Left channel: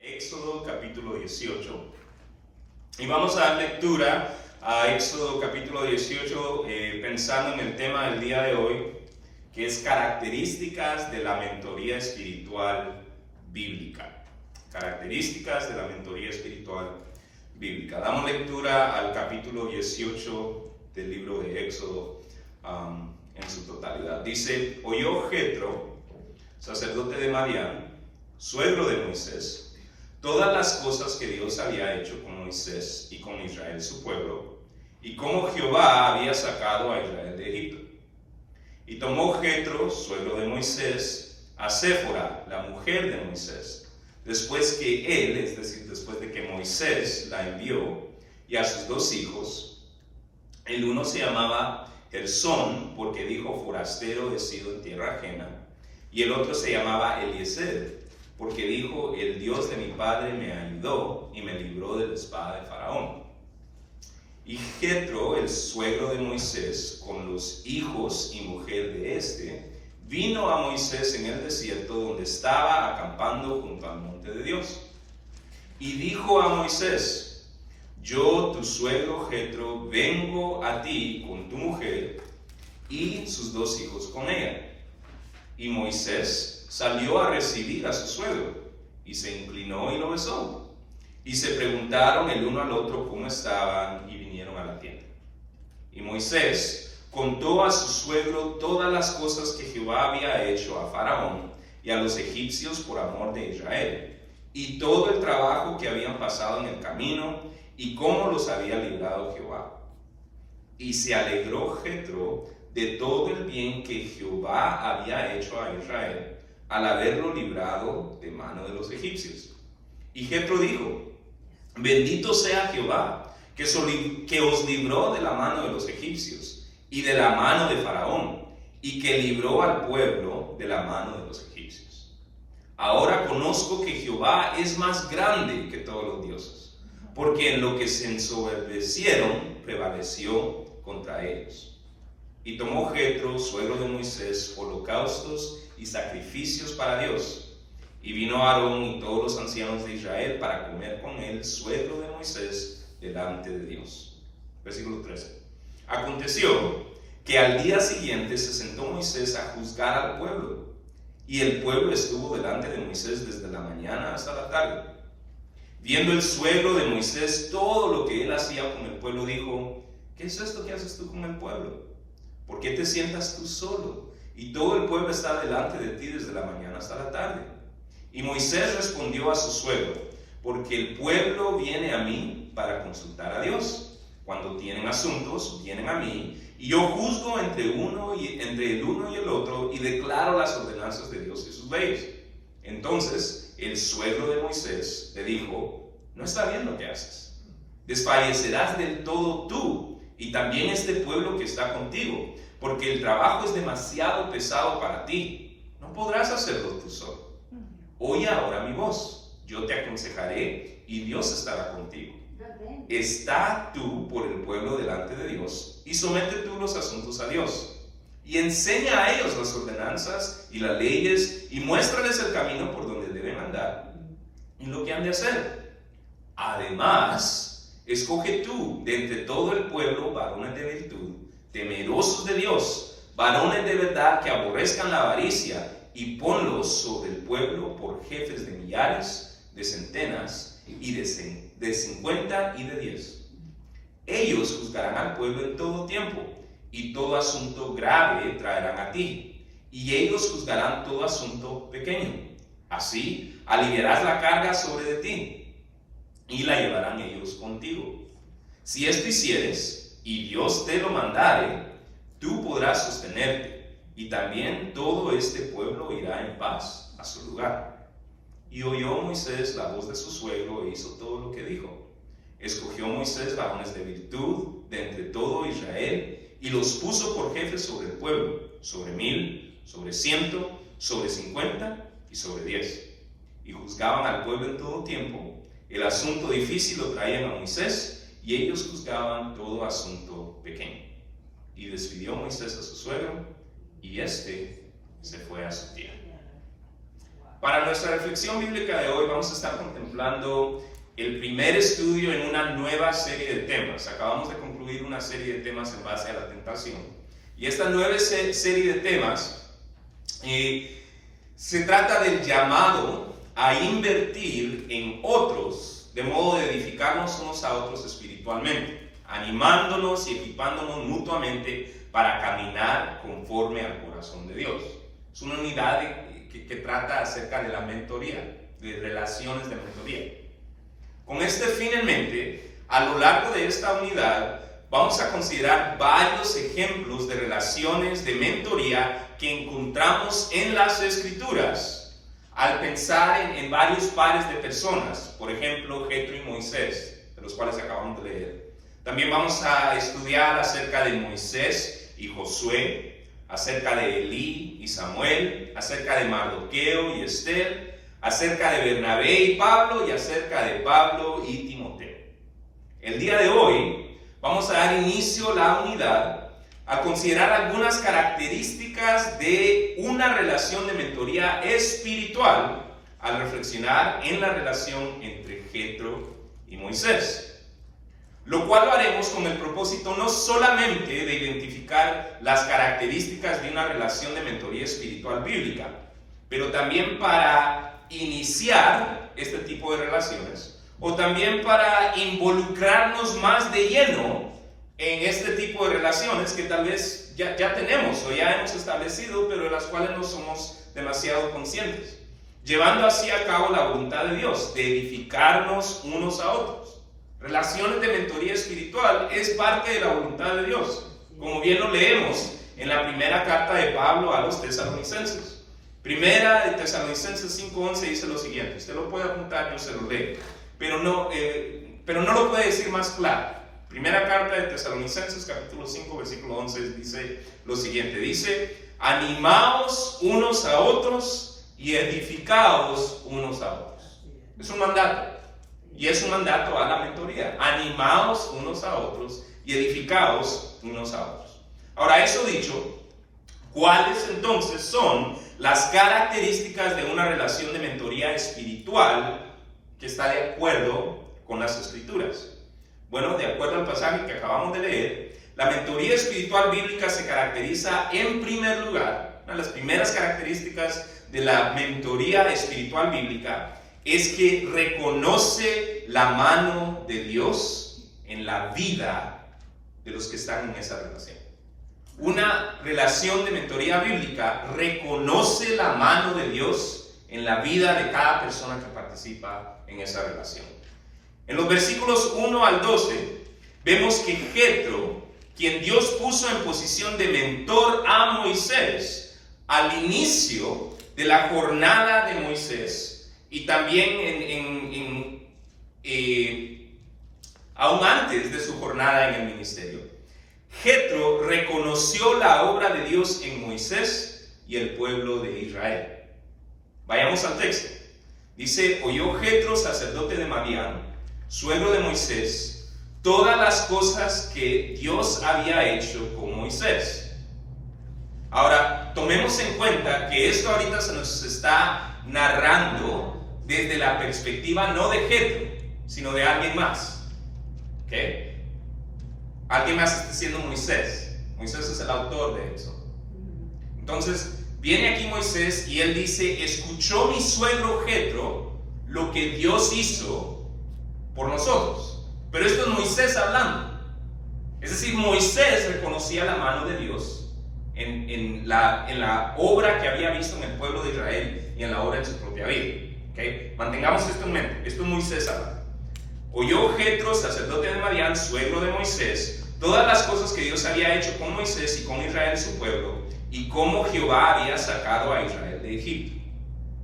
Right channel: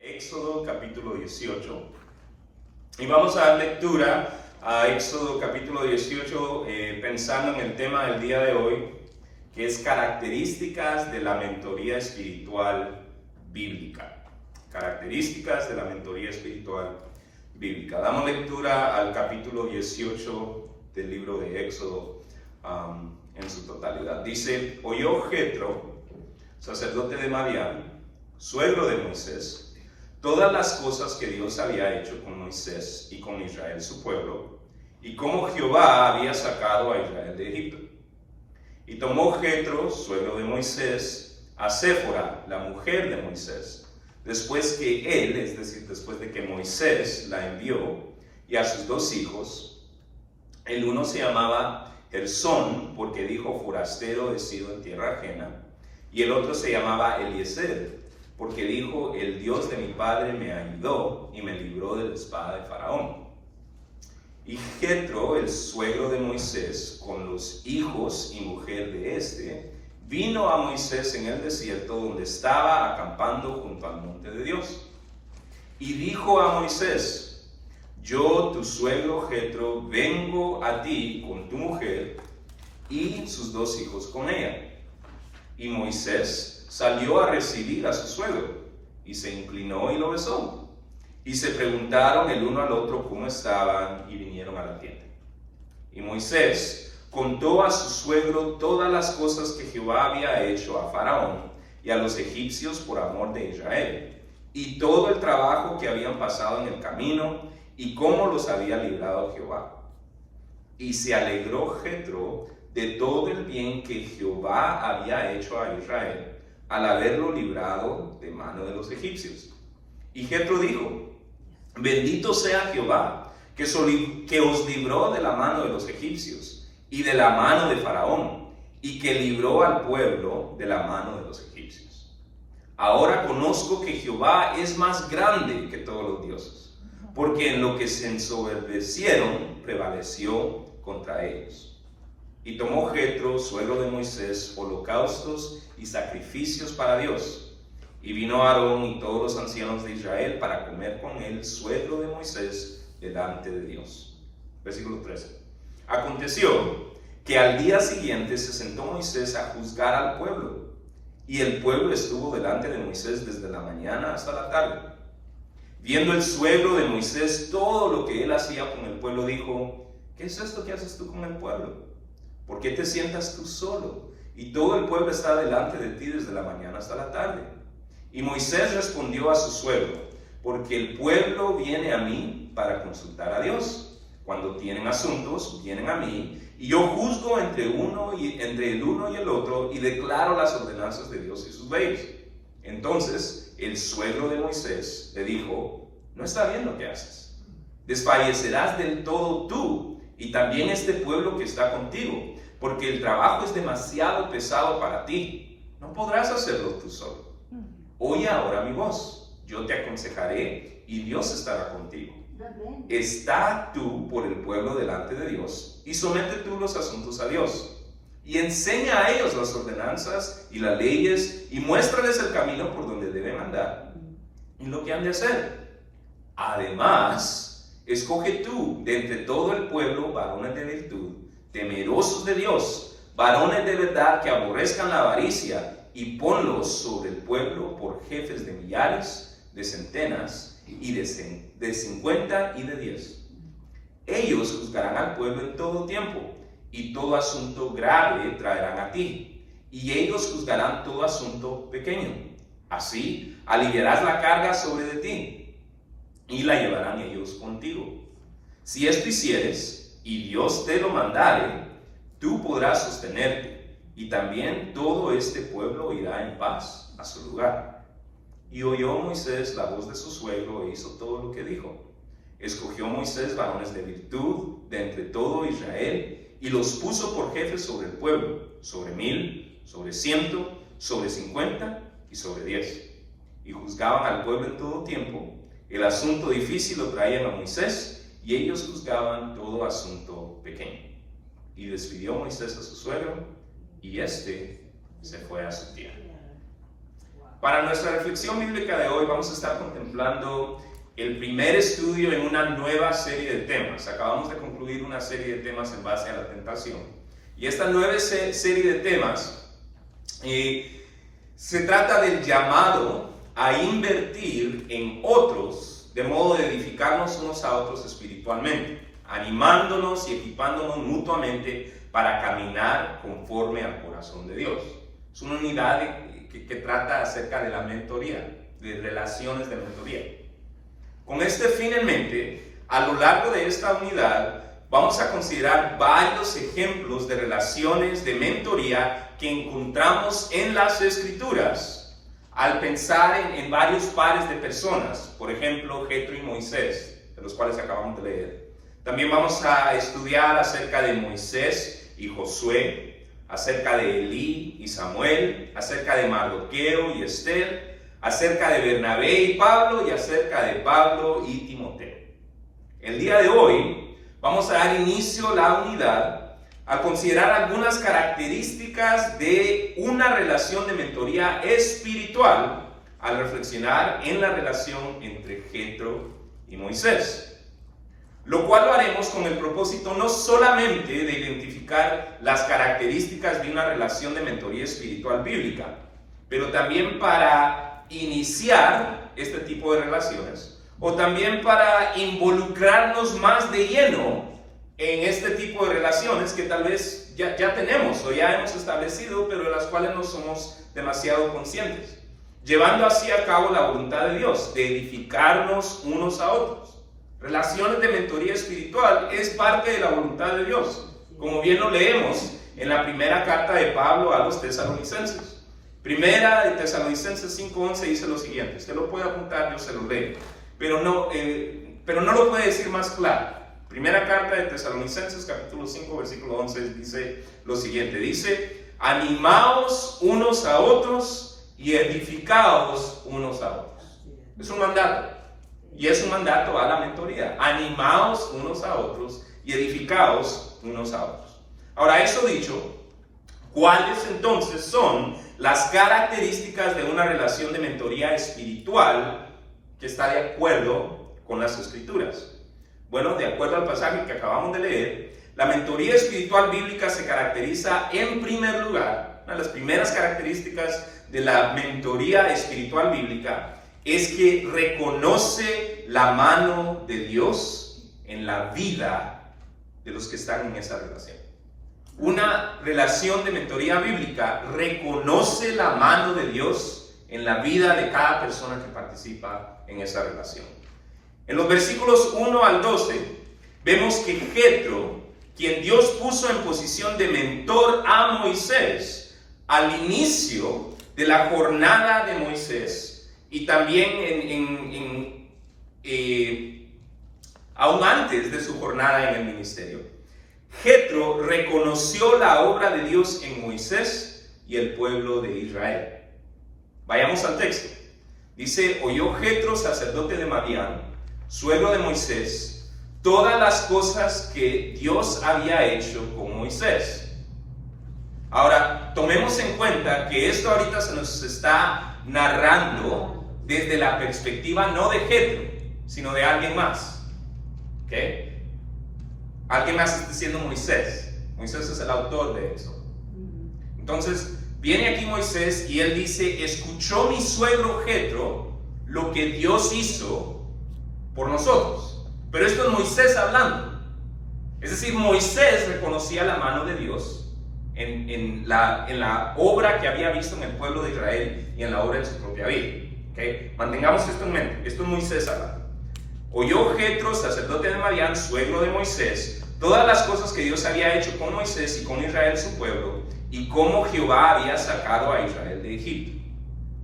Éxodo capítulo 18. Y vamos a dar lectura a Éxodo capítulo 18 pensando en el tema del día de hoy, que es características de la mentoría espiritual bíblica. Características de la mentoría espiritual bíblica. Damos lectura al capítulo 18 del libro de Éxodo en su totalidad. Dice: oyó Jetro, sacerdote de Madián, suegro de Moisés, todas las cosas que Dios había hecho con Moisés y con Israel su pueblo, y cómo Jehová había sacado a Israel de Egipto. Y tomó Jetro, suegro de Moisés, a Séfora, la mujer de Moisés, después que él, es decir, después de que Moisés la envió, y a sus dos hijos. El uno se llamaba Gersón, porque dijo: forastero he sido en tierra ajena, y el otro se llamaba Eliezer, porque dijo: el Dios de mi padre me ayudó y me libró de la espada de Faraón. Y Jetro, el suegro de Moisés, con los hijos y mujer de éste, vino a Moisés en el desierto donde estaba acampando junto al monte de Dios. Y dijo a Moisés: yo, tu suegro Jetro, vengo a ti con tu mujer y sus dos hijos con ella. Y Moisés salió a recibir a su suegro, y se inclinó y lo besó. Y se preguntaron el uno al otro cómo estaban, y vinieron a la tienda. Y Moisés contó a su suegro todas las cosas que Jehová había hecho a Faraón y a los egipcios por amor de Israel, y todo el trabajo que habían pasado en el camino, y cómo los había librado Jehová. Y se alegró Jetro de todo el bien que Jehová había hecho a Israel, al haberlo librado de mano de los egipcios. Y Jetro dijo: bendito sea Jehová, que os libró de la mano de los egipcios y de la mano de Faraón, y que libró al pueblo de la mano de los egipcios. Ahora conozco que Jehová es más grande que todos los dioses, porque en lo que se ensoberbecieron prevaleció contra ellos. Y tomó Jetro, suegro de Moisés, holocaustos y sacrificios para Dios. Y vino Aarón y todos los ancianos de Israel para comer con él, suegro de Moisés, delante de Dios. Versículo 13. Aconteció que al día siguiente se sentó Moisés a juzgar al pueblo, y el pueblo estuvo delante de Moisés desde la mañana hasta la tarde. Viendo el suegro de Moisés todo lo que él hacía con el pueblo, dijo: ¿qué es esto que haces tú con el pueblo? ¿Por qué te sientas tú solo? Y todo el pueblo está delante de ti desde la mañana hasta la tarde. Y Moisés respondió a su suegro: porque el pueblo viene a mí para consultar a Dios. Cuando tienen asuntos, vienen a mí, y yo juzgo entre el uno y el otro, y declaro las ordenanzas de Dios y sus leyes. Entonces el suegro de Moisés le dijo: no está bien lo que haces. Desfallecerás del todo tú, y también este pueblo que está contigo, porque el trabajo es demasiado pesado para ti. No podrás hacerlo tú solo. Oye ahora mi voz, yo te aconsejaré, y Dios estará contigo. Está tú por el pueblo delante de Dios, y somete tú los asuntos a Dios, y enseña a ellos las ordenanzas y las leyes, y muéstrales el camino por donde deben andar, y lo que han de hacer. Además, escoge tú de entre todo el pueblo varones de virtud, temerosos de Dios, varones de verdad que aborrezcan la avaricia, y ponlos sobre el pueblo por jefes de millares, de centenas, y de 50 y de 10. Ellos juzgarán al pueblo en todo tiempo, y todo asunto grave traerán a ti, y ellos juzgarán todo asunto pequeño. Así aliviarás la carga sobre de ti, y la llevarán ellos contigo. Si esto hicieres, y Dios te lo mandare, tú podrás sostenerte, y también todo este pueblo irá en paz a su lugar. Y oyó Moisés la voz de su suegro e hizo todo lo que dijo. Escogió Moisés varones de virtud de entre todo Israel, y los puso por jefes sobre el pueblo, sobre 1000, sobre 100, sobre 50 y sobre 10. Y juzgaban al pueblo en todo tiempo. El asunto difícil lo traían a Moisés, y ellos juzgaban todo asunto pequeño. Y despidió Moisés a su suegro, y éste se fue a su tierra. Para nuestra reflexión bíblica de hoy vamos a estar contemplando el primer estudio en una nueva serie de temas. Acabamos de concluir una serie de temas en base a la tentación. Y esta nueva serie de temas se trata del llamado a invertir en otros, de modo de edificarnos unos a otros espiritualmente, animándonos y equipándonos mutuamente para caminar conforme al corazón de Dios. Es una unidad que trata acerca de la mentoría, de relaciones de mentoría. Con este fin en mente, a lo largo de esta unidad, vamos a considerar varios ejemplos de relaciones de mentoría que encontramos en las Escrituras al pensar en varios pares de personas, por ejemplo, Jetro y Moisés, de los cuales acabamos de leer. También vamos a estudiar acerca de Moisés y Josué, acerca de Elí y Samuel, acerca de Mardoqueo y Esther, acerca de Bernabé y Pablo y acerca de Pablo y Timoteo. El día de hoy vamos a dar inicio a la unidad a considerar algunas características de una relación de mentoría espiritual al reflexionar en la relación entre Jetro y Moisés. Lo cual lo haremos con el propósito no solamente de identificar las características de una relación de mentoría espiritual bíblica, pero también para iniciar este tipo de relaciones, o también para involucrarnos más de lleno en este tipo de relaciones que tal vez ya tenemos o ya hemos establecido, pero de las cuales no somos demasiado conscientes, llevando así a cabo la voluntad de Dios, de edificarnos unos a otros. Relaciones de mentoría espiritual es parte de la voluntad de Dios, como bien lo leemos en la primera carta de Pablo a los tesalonicenses. Primera de Tesalonicenses 5:11 dice lo siguiente, usted lo puede apuntar, yo se lo leo, pero no lo puede decir más claro. Primera carta de Tesalonicenses capítulo 5 versículo 11 dice lo siguiente, dice, animaos unos a otros y edificaos unos a otros. Es un mandato. Y es un mandato a la mentoría. Animaos unos a otros y edificaos unos a otros. Ahora, eso dicho, ¿cuáles entonces son las características de una relación de mentoría espiritual que está de acuerdo con las Escrituras? Bueno, de acuerdo al pasaje que acabamos de leer, la mentoría espiritual bíblica se caracteriza en primer lugar, una de las primeras características de la mentoría espiritual bíblica es que reconoce la mano de Dios en la vida de los que están en esa relación. Una relación de mentoría bíblica reconoce la mano de Dios en la vida de cada persona que participa en esa relación. En los versículos 1 al 12, vemos que Jetro, quien Dios puso en posición de mentor a Moisés, al inicio de la jornada de Moisés, y también aún antes de su jornada en el ministerio, Jetro reconoció la obra de Dios en Moisés y el pueblo de Israel. Vayamos al texto. Dice, oyó Jetro, sacerdote de Madián, suegro de Moisés, todas las cosas que Dios había hecho con Moisés. Ahora, tomemos en cuenta que esto ahorita se nos está narrando desde la perspectiva no de Jetro, sino de alguien más. ¿Ok? Alguien más está siendo Moisés. Moisés es el autor de eso. Entonces, viene aquí Moisés y él dice, escuchó mi suegro Jetro lo que Dios hizo por nosotros. Pero esto es Moisés hablando. Es decir, Moisés reconocía la mano de Dios en la obra que había visto en el pueblo de Israel y en la obra de su propia vida. ¿Okay? Mantengamos esto en mente. Esto es Moisés hablando. Oyó Jetro, sacerdote de Madián, suegro de Moisés, todas las cosas que Dios había hecho con Moisés y con Israel su pueblo, y cómo Jehová había sacado a Israel de Egipto.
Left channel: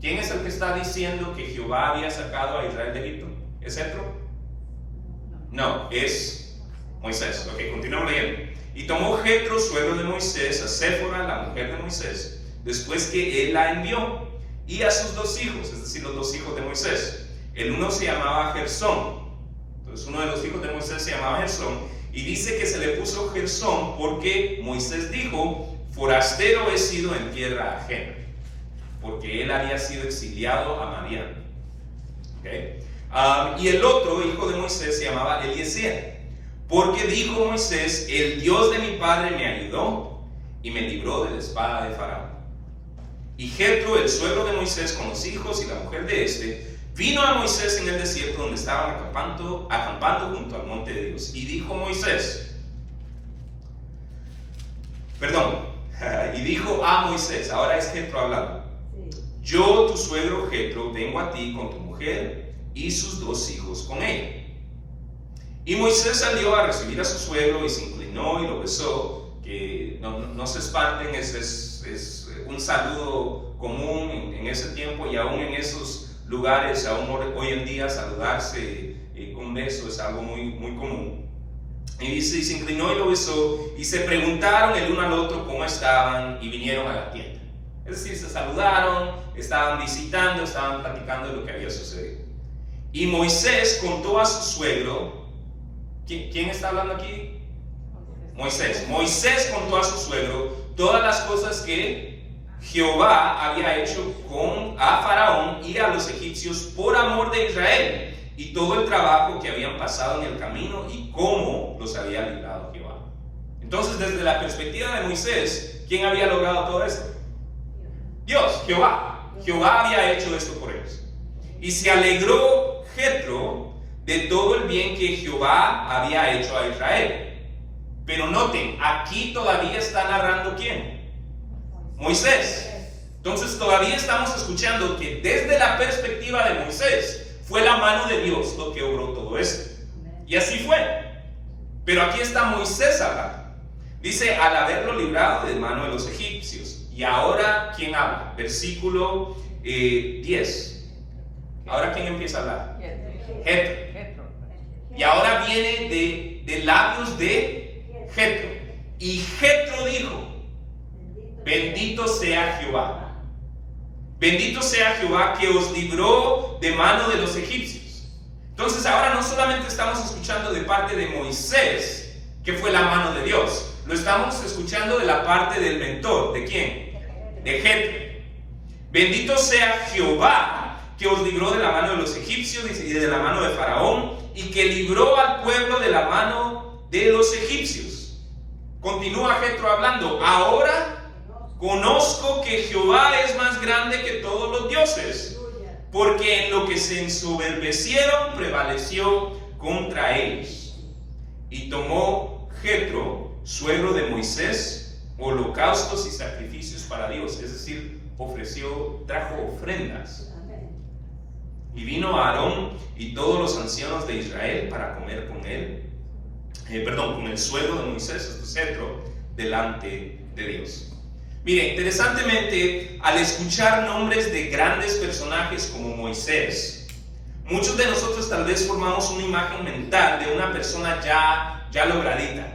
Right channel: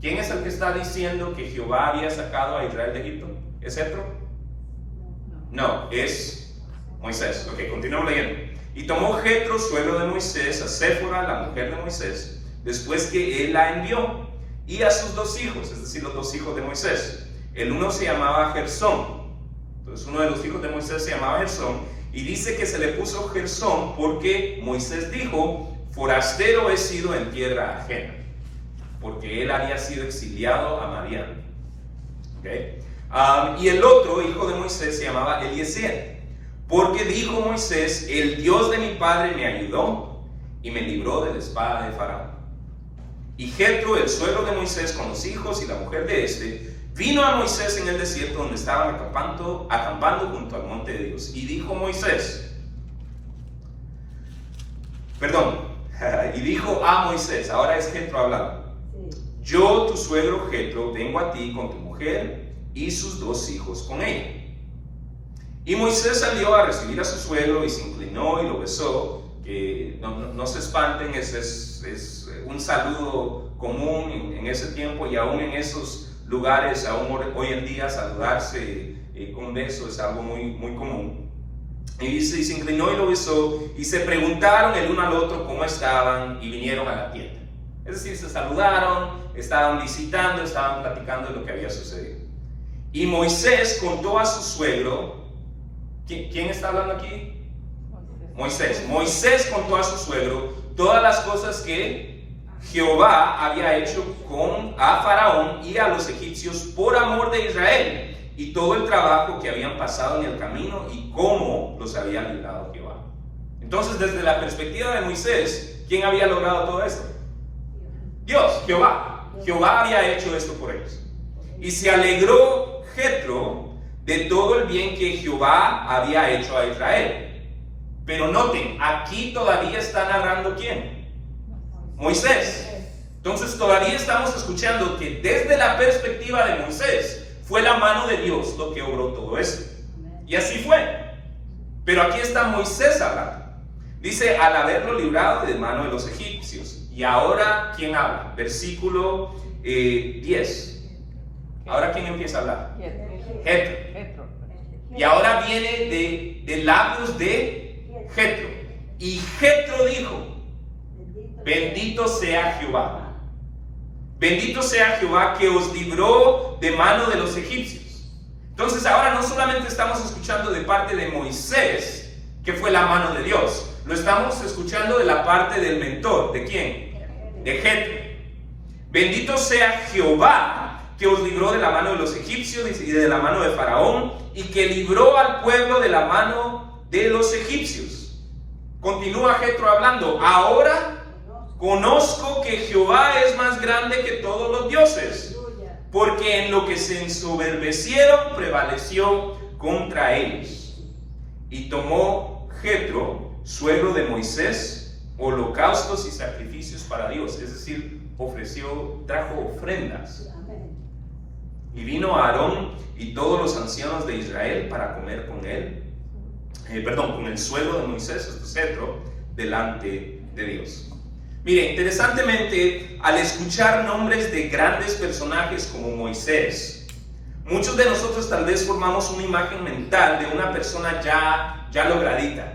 ¿Quién es el que está diciendo que Jehová había sacado a Israel de Egipto? ¿Es Jetro? No, es Moisés. Ok, continuamos leyendo. Y tomó Jetro, suegro de Moisés, a Séfora, la mujer de Moisés, después que él la envió, y a sus dos hijos, es decir, los dos hijos de Moisés. El uno se llamaba Gersón. Entonces uno de los hijos de Moisés se llamaba Gersón, y dice que se le puso Gersón porque Moisés dijo, forastero he sido en tierra ajena. porque él había sido exiliado a Madián. ¿Okay? Y el otro hijo de Moisés se llamaba Eliezer, porque dijo Moisés: el Dios de mi padre me ayudó y me libró de la espada de Faraón. Y Jetro, el suegro de Moisés, con los hijos y la mujer de este, vino a Moisés en el desierto donde estaban acampando junto al monte de Dios. Y dijo y dijo a Moisés, ahora es Jetro hablando: yo, tu suegro Jetro, vengo a ti con tu mujer y sus 2 hijos con ella. Y Moisés salió a recibir a su suegro y se inclinó y lo besó. Que no se espanten, es un saludo común en ese tiempo, y aún en esos lugares, aún hoy en día, saludarse con beso es algo muy, muy común. Y dice, y se inclinó y lo besó, y se preguntaron el uno al otro cómo estaban, y vinieron a la tienda. Es decir, se saludaron, estaban visitando, estaban platicando de lo que había sucedido. Y Moisés contó a su suegro. ¿Quién está hablando aquí? Moisés. Moisés contó a su suegro todas las cosas que Jehová había hecho a Faraón y a los egipcios por amor de Israel, y todo el trabajo que habían pasado en el camino y cómo los había librado Jehová. Entonces, desde la perspectiva de Moisés, ¿quién había logrado todo esto? Dios, Jehová. Jehová había hecho esto por ellos. Y se alegró Jetro de todo el bien que Jehová había hecho a Israel. Pero noten, aquí todavía está narrando ¿quién? Moisés. Entonces todavía estamos escuchando que desde la perspectiva de Moisés fue la mano de Dios lo que obró todo esto. Y así fue. Pero aquí está Moisés hablando. Dice, al haberlo librado de mano de los egipcios. Y ahora, ¿quién habla? Versículo 10. Ahora, ¿quién empieza a hablar? Jetro. Y ahora viene de labios de Jetro. Y Jetro dijo: bendito sea Jehová. Bendito sea Jehová que os libró de mano de los egipcios. Entonces ahora no solamente estamos escuchando de parte de Moisés, que fue la mano de Dios. Lo estamos escuchando de la parte del mentor. ¿De quién? De Jetro. Bendito sea Jehová que os libró de la mano de los egipcios y de la mano de Faraón, y que libró al pueblo de la mano de los egipcios. Continúa Jetro hablando: ahora conozco que Jehová es más grande que todos los dioses, porque en lo que se ensoberbecieron prevaleció contra ellos. Y tomó Jetro, suegro de Moisés, holocaustos y sacrificios para Dios, es decir, trajo ofrendas. Y vino Aarón y todos los ancianos de Israel para comer con él, con el suegro de Moisés, esto es Jetro, delante de Dios. Mire, interesantemente, al escuchar nombres de grandes personajes como Moisés, muchos de nosotros tal vez formamos una imagen mental de una persona ya logradita,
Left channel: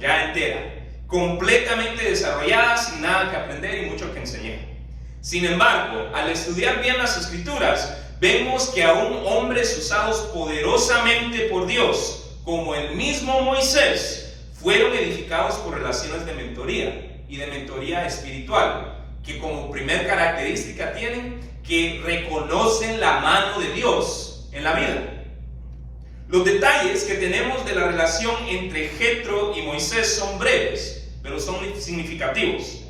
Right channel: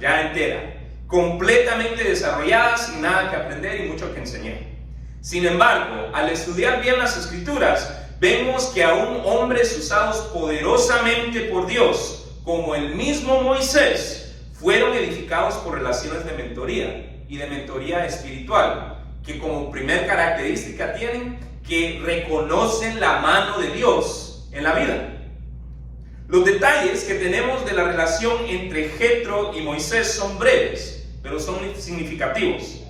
ya entera, completamente desarrollada, sin nada que aprender y mucho que enseñar. Sin embargo, al estudiar bien las Escrituras, vemos que aún hombres usados poderosamente por Dios, como el mismo Moisés, fueron edificados por relaciones de mentoría y de mentoría espiritual, que como primer característica tienen que reconocen la mano de Dios en la vida. Los detalles que tenemos de la relación entre Jetro y Moisés son breves, pero son significativos.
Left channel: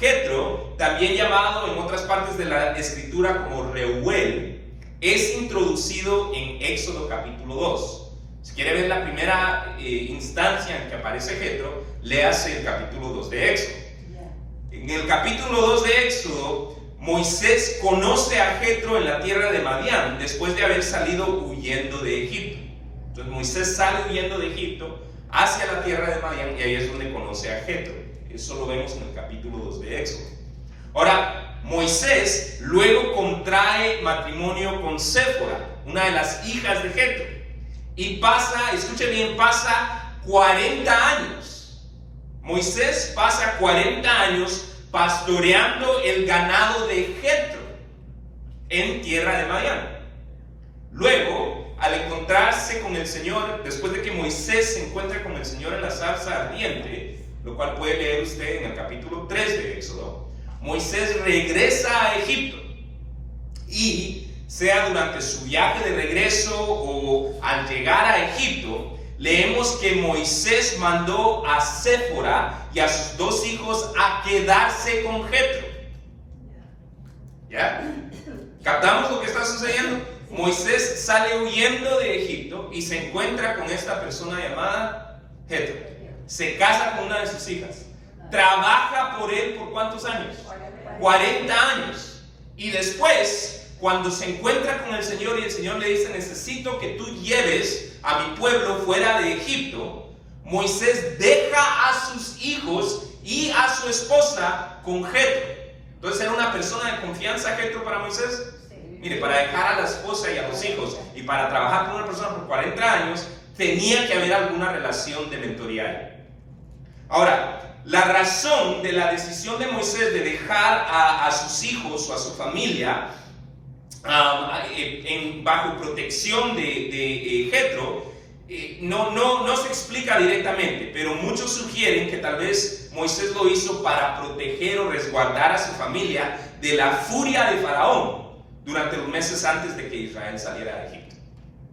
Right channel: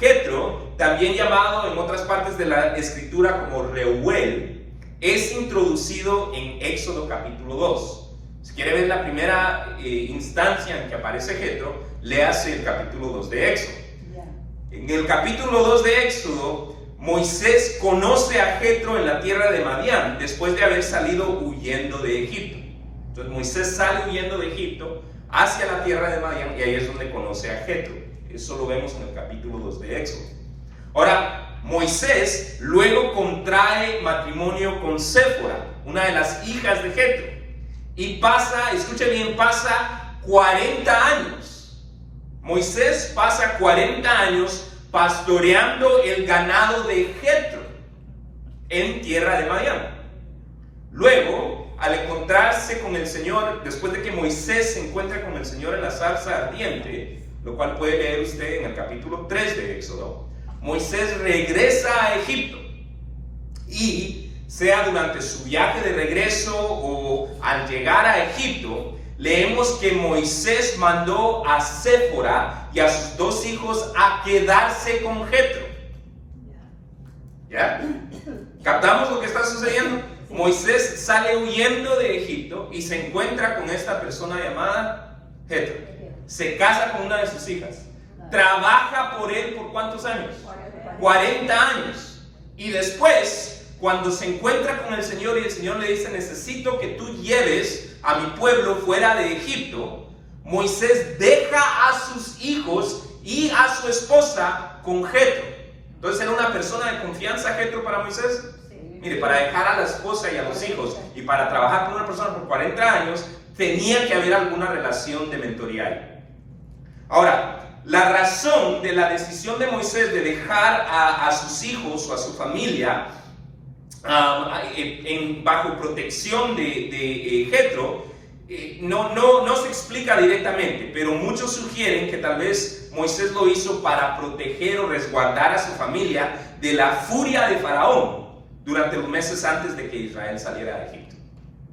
Jetro, también llamado en otras partes de la escritura como Reuel, es introducido en Éxodo capítulo 2. Si quiere ver la primera instancia en que aparece Jetro, léase el capítulo 2 de Éxodo. En el capítulo 2 de Éxodo, Moisés conoce a Jetro en la tierra de Madián, después de haber salido huyendo de Egipto. Entonces Moisés sale huyendo de Egipto hacia la tierra de Madián, y ahí es donde conoce a Jetro. Eso lo vemos en el capítulo 2 de Éxodo. Ahora, Moisés luego contrae matrimonio con Séfora, una de las hijas de Jetro, y escuche bien, pasa 40 años. Moisés pasa 40 años pastoreando el ganado de Jetro en tierra de Madián. Luego, al encontrarse con el Señor, después de que Moisés se encuentra con el Señor en la zarza ardiente, lo cual puede leer usted en el capítulo 3 de Éxodo, Moisés regresa a Egipto y sea durante su viaje de regreso o al llegar a Egipto, leemos que Moisés mandó a Séfora y a sus 2 hijos a quedarse con Jetro. ¿Ya? ¿Captamos lo que está sucediendo? Moisés sale huyendo de Egipto y se encuentra con esta persona llamada Jetro. Se casa con una de sus hijas. Trabaja por él por ¿cuántos años? 40 años. Y después, cuando se encuentra con el Señor y el Señor le dice, necesito que tú lleves a mi pueblo fuera de Egipto, Moisés deja a sus hijos y a su esposa con Jetro. Entonces, ¿era una persona de confianza Jetro para Moisés? Mire, para dejar a la esposa y a los hijos y para trabajar con una persona por 40 años, tenía que haber alguna relación de mentoría ahí. Ahora, la razón de la decisión de Moisés de dejar a sus hijos o a su familia bajo protección de Jetro, no se explica directamente, pero muchos sugieren que tal vez Moisés lo hizo para proteger o resguardar a su familia de la furia de Faraón durante los meses antes de que Israel saliera de Egipto.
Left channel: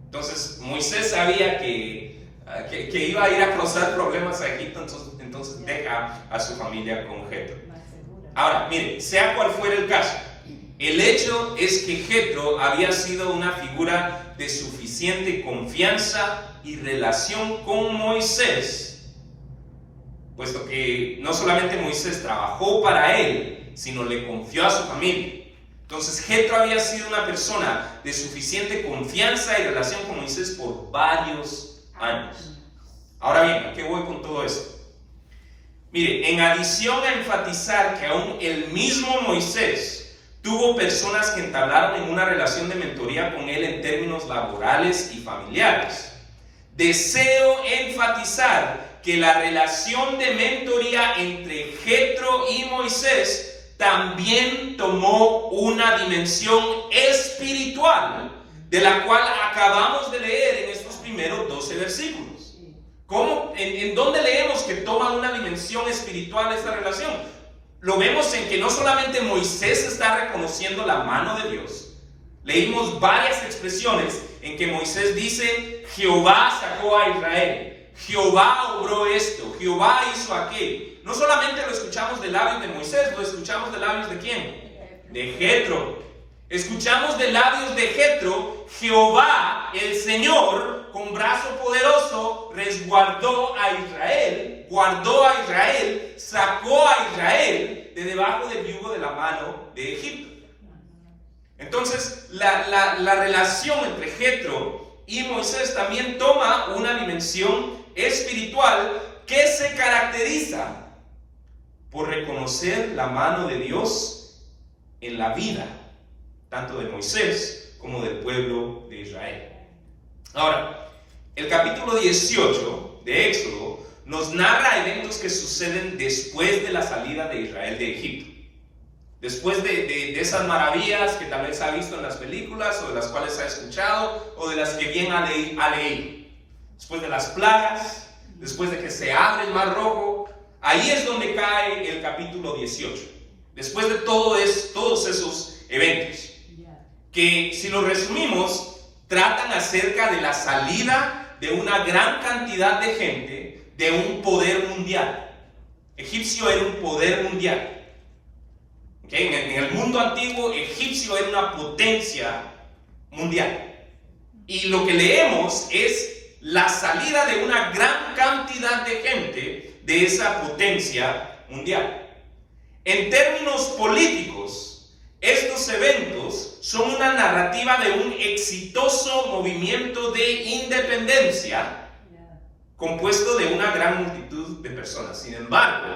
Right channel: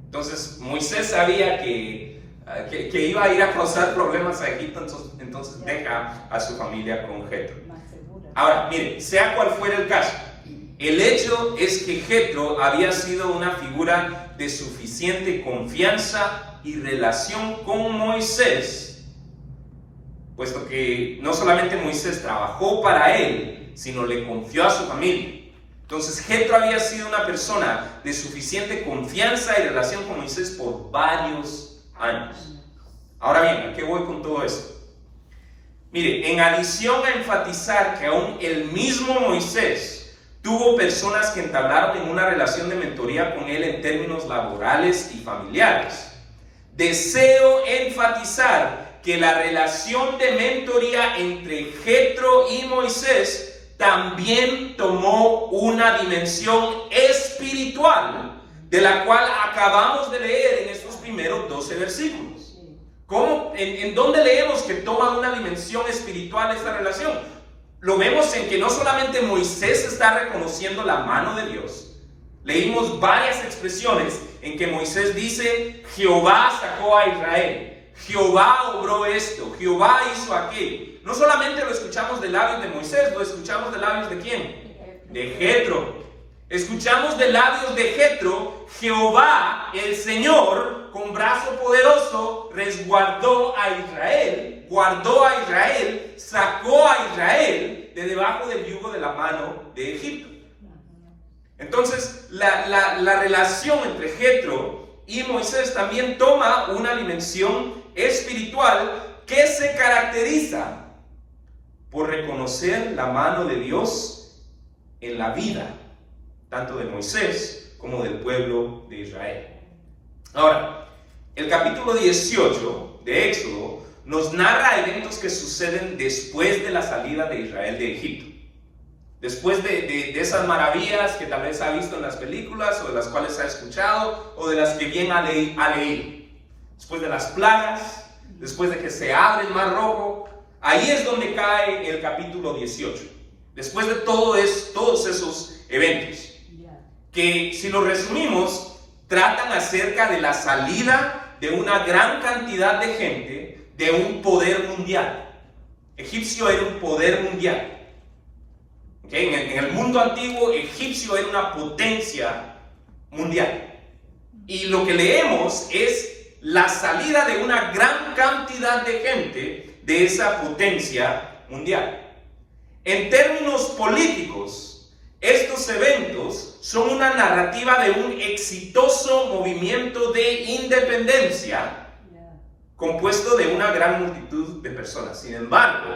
Entonces Moisés sabía que iba a ir a causar problemas a Egipto, entonces deja a su familia con Jetro. Ahora, mire, sea cual fuera el caso, el hecho es que Jetro había sido una figura de suficiente confianza y relación con Moisés, puesto que no solamente Moisés trabajó para él, sino le confió a su familia. Entonces Jetro había sido una persona de suficiente confianza y relación con Moisés por varios años. Ahora bien, ¿a qué voy con todo esto? Mire, en adición a enfatizar que aún el mismo Moisés tuvo personas que entablaron en una relación de mentoría con él en términos laborales y familiares, deseo enfatizar que la relación de mentoría entre Jetro y Moisés también tomó una dimensión espiritual, de la cual acabamos de leer en estos primeros 12 versículos. ¿Cómo? ¿En dónde leemos que toma una dimensión espiritual esta relación? Lo vemos en que no solamente Moisés está reconociendo la mano de Dios. Leímos varias expresiones en que Moisés dice, Jehová sacó a Israel. Jehová obró esto, Jehová hizo aquello. No solamente lo escuchamos de labios de Moisés, lo escuchamos de labios de ¿quién? De Jetro. Escuchamos de labios de Jetro, Jehová, el Señor, con brazo poderoso, resguardó a Israel, guardó a Israel, sacó a Israel de debajo del yugo de la mano de Egipto. Entonces, la relación entre Jetro y Moisés también toma una dimensión espiritual que se caracteriza por reconocer la mano de Dios en la vida, tanto de Moisés como del pueblo de Israel. Ahora, el capítulo 18 de Éxodo nos narra eventos que suceden después de la salida de Israel de Egipto. Después de esas maravillas que tal vez ha visto en las películas, o de las cuales ha escuchado, o de las que bien ha leído. Después de las plagas, después de que se abre el Mar Rojo, ahí es donde cae el capítulo 18. Después de todos esos eventos, que si lo resumimos, tratan acerca de la salida de una gran cantidad de gente de un poder mundial. Egipcio era un poder mundial. En el mundo antiguo, Egipcio era una potencia mundial. Y lo que leemos es la salida de una gran cantidad de gente de esa potencia mundial. En términos políticos, estos eventos son una narrativa de un exitoso movimiento de independencia compuesto de una gran multitud de personas. Sin embargo,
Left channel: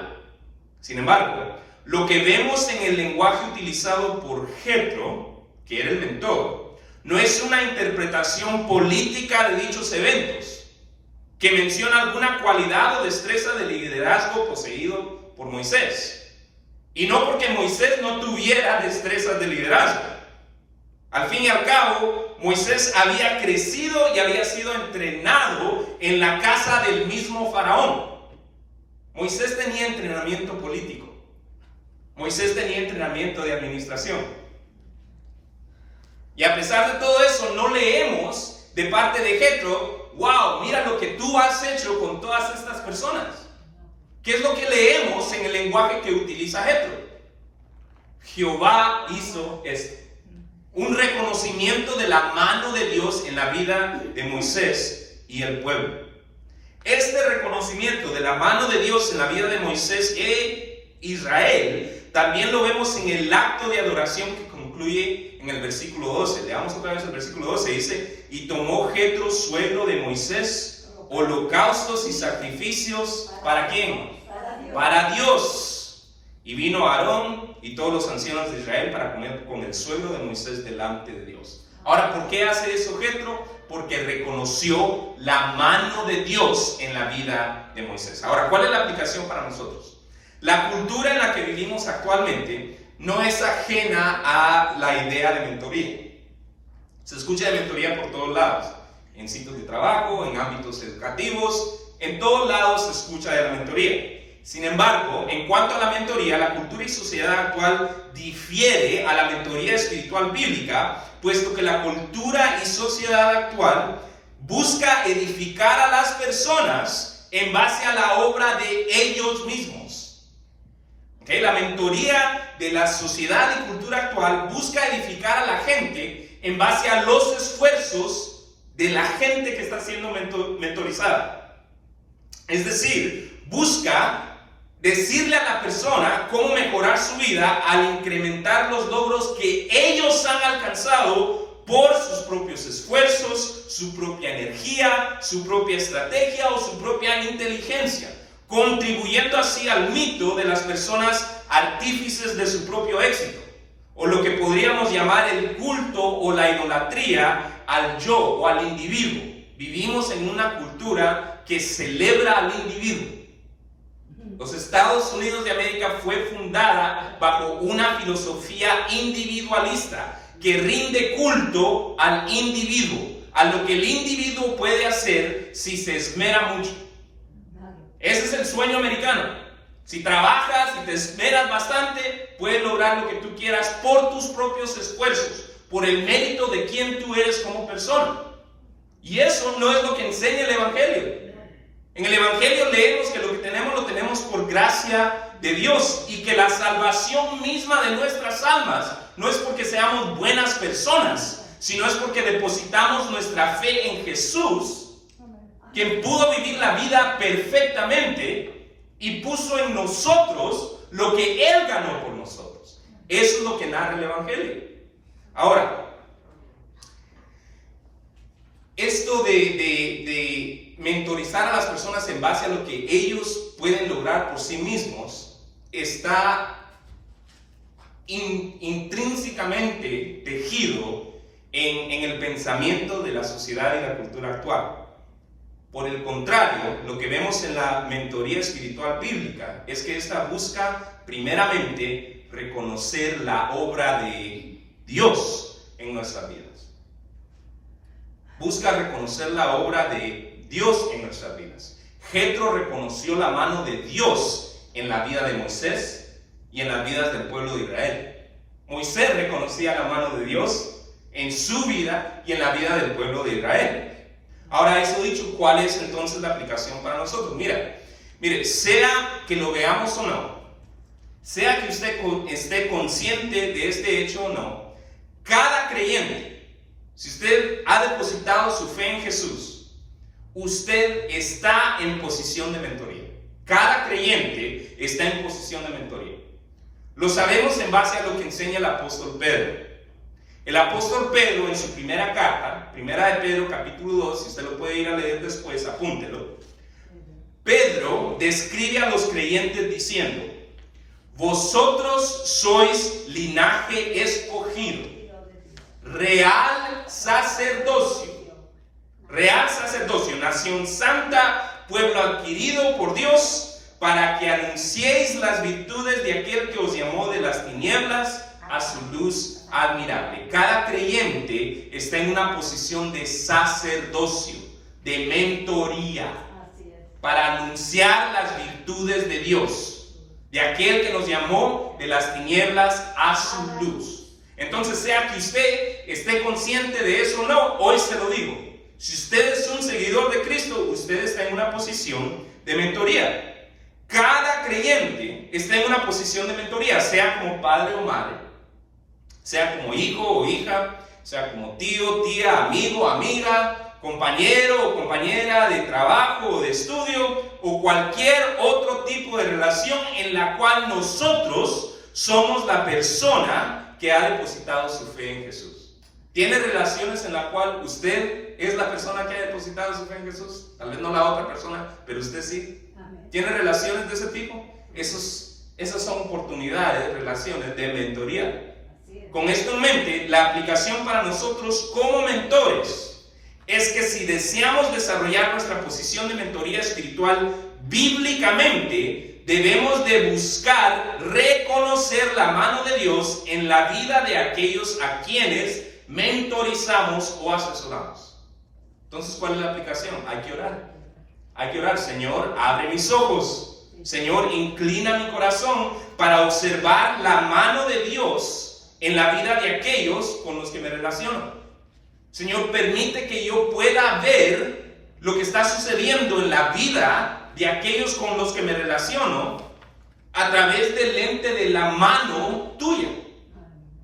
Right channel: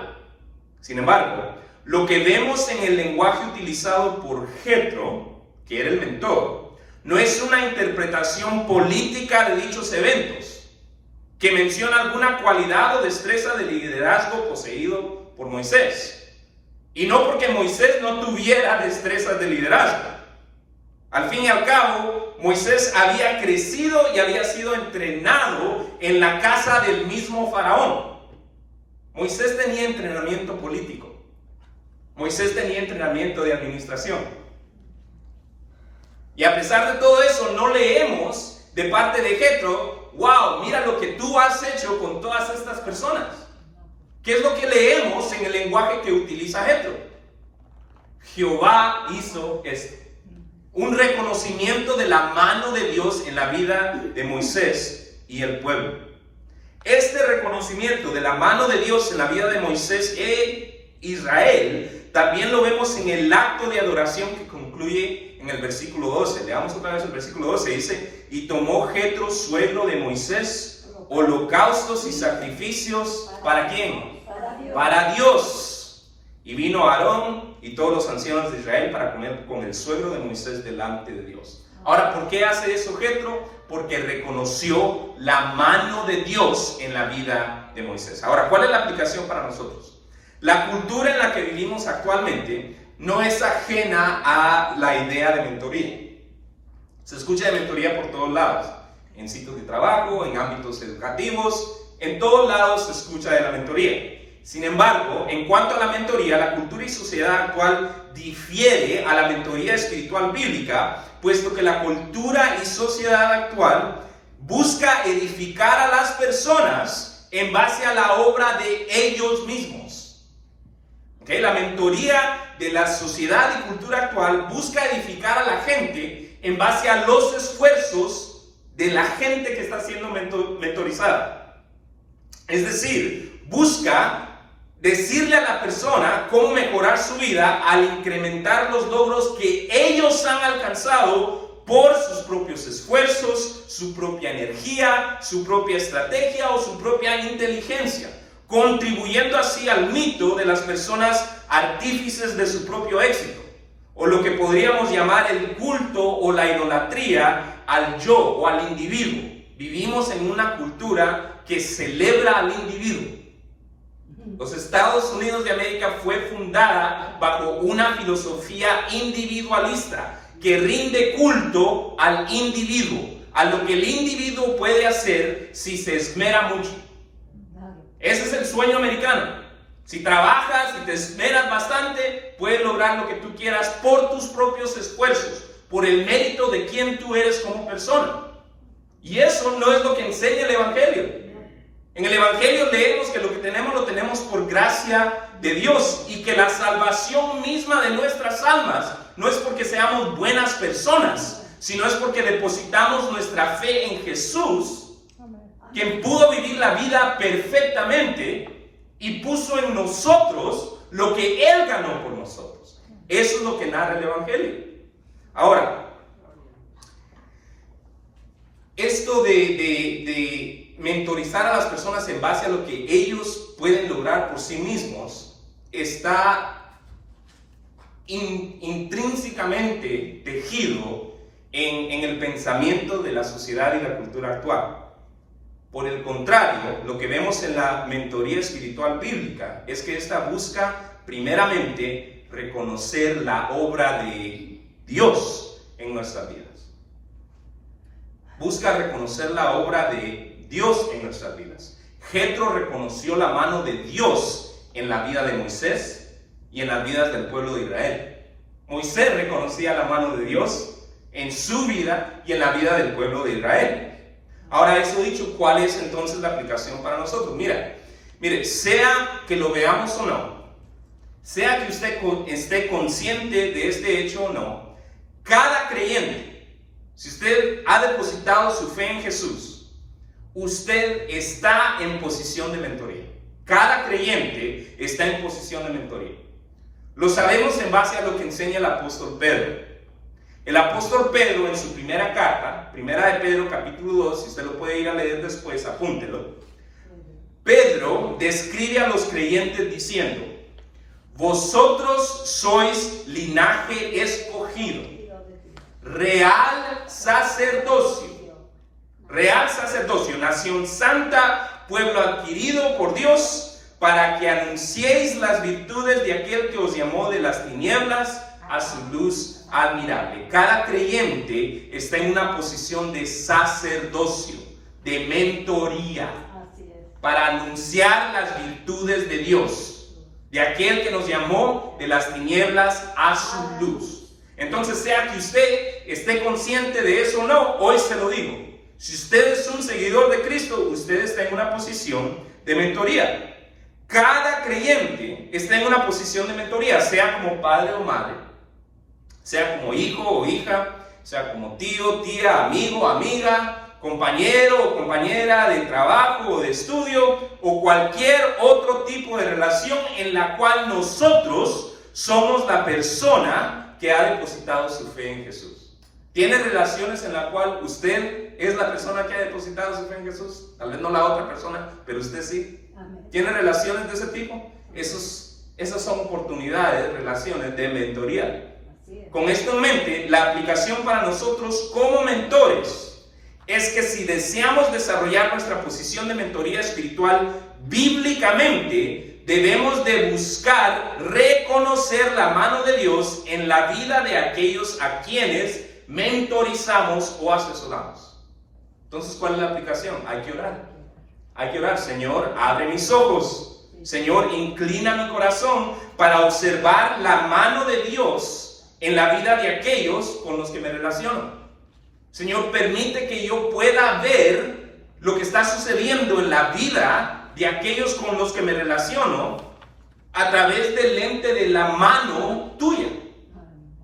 lo que vemos en el lenguaje utilizado por Jetro, que era el mentor, no es una interpretación política de dichos eventos, que menciona alguna cualidad o destreza de liderazgo poseído por Moisés. Y no porque Moisés no tuviera destrezas de liderazgo. Al fin y al cabo, Moisés había crecido y había sido entrenado en la casa del mismo faraón. Moisés tenía entrenamiento político. Moisés tenía entrenamiento de administración. Y a pesar de todo eso, no leemos de parte de Jetro, wow, mira lo que tú has hecho con todas estas personas. ¿Qué es lo que leemos en el lenguaje que utiliza Jetro? Jehová hizo esto. Un reconocimiento de la mano de Dios en la vida de Moisés y el pueblo. Este reconocimiento de la mano de Dios en la vida de Moisés e Israel también lo vemos en el acto de adoración que concluye en el versículo 12. Leamos otra vez el versículo 12. Dice: y tomó Jetro, suegro de Moisés, holocaustos y sacrificios. ¿Para quién? Para Dios. Y vino Aarón y todos los ancianos de Israel para comer con el suegro de Moisés delante de Dios. Ahora, ¿por qué hace eso Jetro? Porque reconoció la mano de Dios en la vida de Moisés. Ahora, ¿cuál es la aplicación para nosotros? La cultura en la que vivimos actualmente no es ajena a la idea de mentoría. Se escucha de mentoría por todos lados, en sitios de trabajo, en ámbitos educativos, en todos lados se escucha de la mentoría. Sin embargo, en cuanto a la mentoría, la cultura y sociedad actual difiere a la mentoría espiritual bíblica, puesto que la cultura y sociedad actual busca edificar a las personas en base a la obra de ellos mismos. La mentoría de la sociedad y cultura actual busca edificar a la gente en base a los esfuerzos de la gente que está siendo mentorizada. Es decir, busca decirle a la persona cómo mejorar su vida al incrementar los logros que ellos han alcanzado por sus propios esfuerzos, su propia energía, su propia estrategia o su propia inteligencia, contribuyendo así al mito de las personas artífices de su propio éxito, o lo que podríamos llamar el culto o la idolatría al yo o al individuo. Vivimos en una cultura que celebra al individuo. Los Estados Unidos de América fue fundada bajo una filosofía individualista que rinde culto al individuo, a lo que el individuo puede hacer si se esmera mucho. Ese es el sueño americano. Si trabajas y te esmeras bastante, puedes lograr lo que tú quieras por tus propios esfuerzos, por el mérito de quien tú eres como persona. Y eso no es lo que enseña el Evangelio. En el Evangelio leemos que lo que tenemos lo tenemos por gracia de Dios y que la salvación misma de nuestras almas no es porque seamos buenas personas, sino es porque depositamos nuestra fe en Jesús, quien pudo vivir la vida perfectamente y puso en nosotros lo que Él ganó por nosotros. Eso es lo que narra el Evangelio. Ahora, esto de mentorizar a las personas en base a lo que ellos pueden lograr por sí mismos está intrínsecamente tejido en el pensamiento de la sociedad y la cultura actual. Por el contrario, lo que vemos en la mentoría espiritual bíblica es que esta busca primeramente reconocer la obra de Dios en nuestras vidas. Busca reconocer la obra de Dios en nuestras vidas. Jetro reconoció la mano de Dios en la vida de Moisés y en las vidas del pueblo de Israel. Moisés reconocía la mano de Dios en su vida y en la vida del pueblo de Israel. Ahora, eso dicho, ¿cuál es entonces la aplicación para nosotros? Mire, sea que lo veamos o no, sea que usted esté consciente de este hecho o no, cada creyente, si usted ha depositado su fe en Jesús, usted está en posición de mentoría. Cada creyente está en posición de mentoría. Lo sabemos en base a lo que enseña el apóstol Pedro. El apóstol Pedro en su primera carta, primera de Pedro capítulo 2, si usted lo puede ir a leer después, apúntelo. Pedro describe a los creyentes diciendo: vosotros sois linaje escogido, real sacerdocio, nación santa, pueblo adquirido por Dios, para que anunciéis las virtudes de aquel que os llamó de las tinieblas a su luz admirable. Cada creyente está en una posición de sacerdocio, de mentoría, para anunciar las virtudes de Dios, de aquel que nos llamó de las tinieblas a su luz. Entonces, sea que usted esté consciente de eso o no, hoy se lo digo. Si usted es un seguidor de Cristo, usted está en una posición de mentoría. Cada creyente está en una posición de mentoría, sea como padre o madre, sea como hijo o hija, sea como tío, tía, amigo, amiga, compañero o compañera de trabajo o de estudio, o cualquier otro tipo de relación en la cual nosotros somos la persona que ha depositado su fe en Jesús. ¿Tiene relaciones en la cual usted es la persona que ha depositado su fe en Jesús? Tal vez no la otra persona, pero usted sí. ¿Tiene relaciones de ese tipo? Esas son oportunidades, relaciones de mentoría. Con esto en mente, la aplicación para nosotros como mentores es que si deseamos desarrollar nuestra posición de mentoría espiritual bíblicamente, debemos de buscar reconocer la mano de Dios en la vida de aquellos a quienes mentorizamos o asesoramos. Entonces, ¿cuál es la aplicación? Hay que orar. Hay que orar. Señor, abre mis ojos. Señor, inclina mi corazón para observar la mano de Dios en la vida de aquellos con los que me relaciono. Señor, permite que yo pueda ver lo que está sucediendo en la vida de aquellos con los que me relaciono a través del lente de la mano tuya.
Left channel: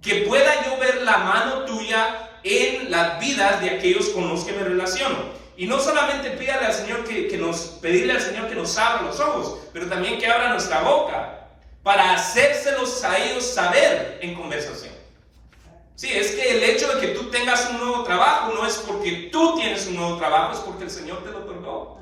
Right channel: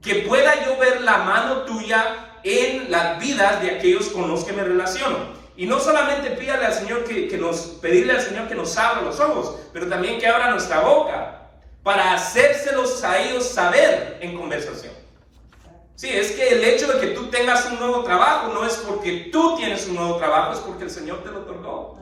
Que pueda yo ver la mano tuya en las vidas de aquellos con los que me relaciono. Y no solamente pedirle al Señor que nos abra los ojos, pero también que abra nuestra boca para hacérselos a ellos saber en conversación. Sí, es que el hecho de que tú tengas un nuevo trabajo no es porque tú tienes un nuevo trabajo, es porque el Señor te lo otorgó.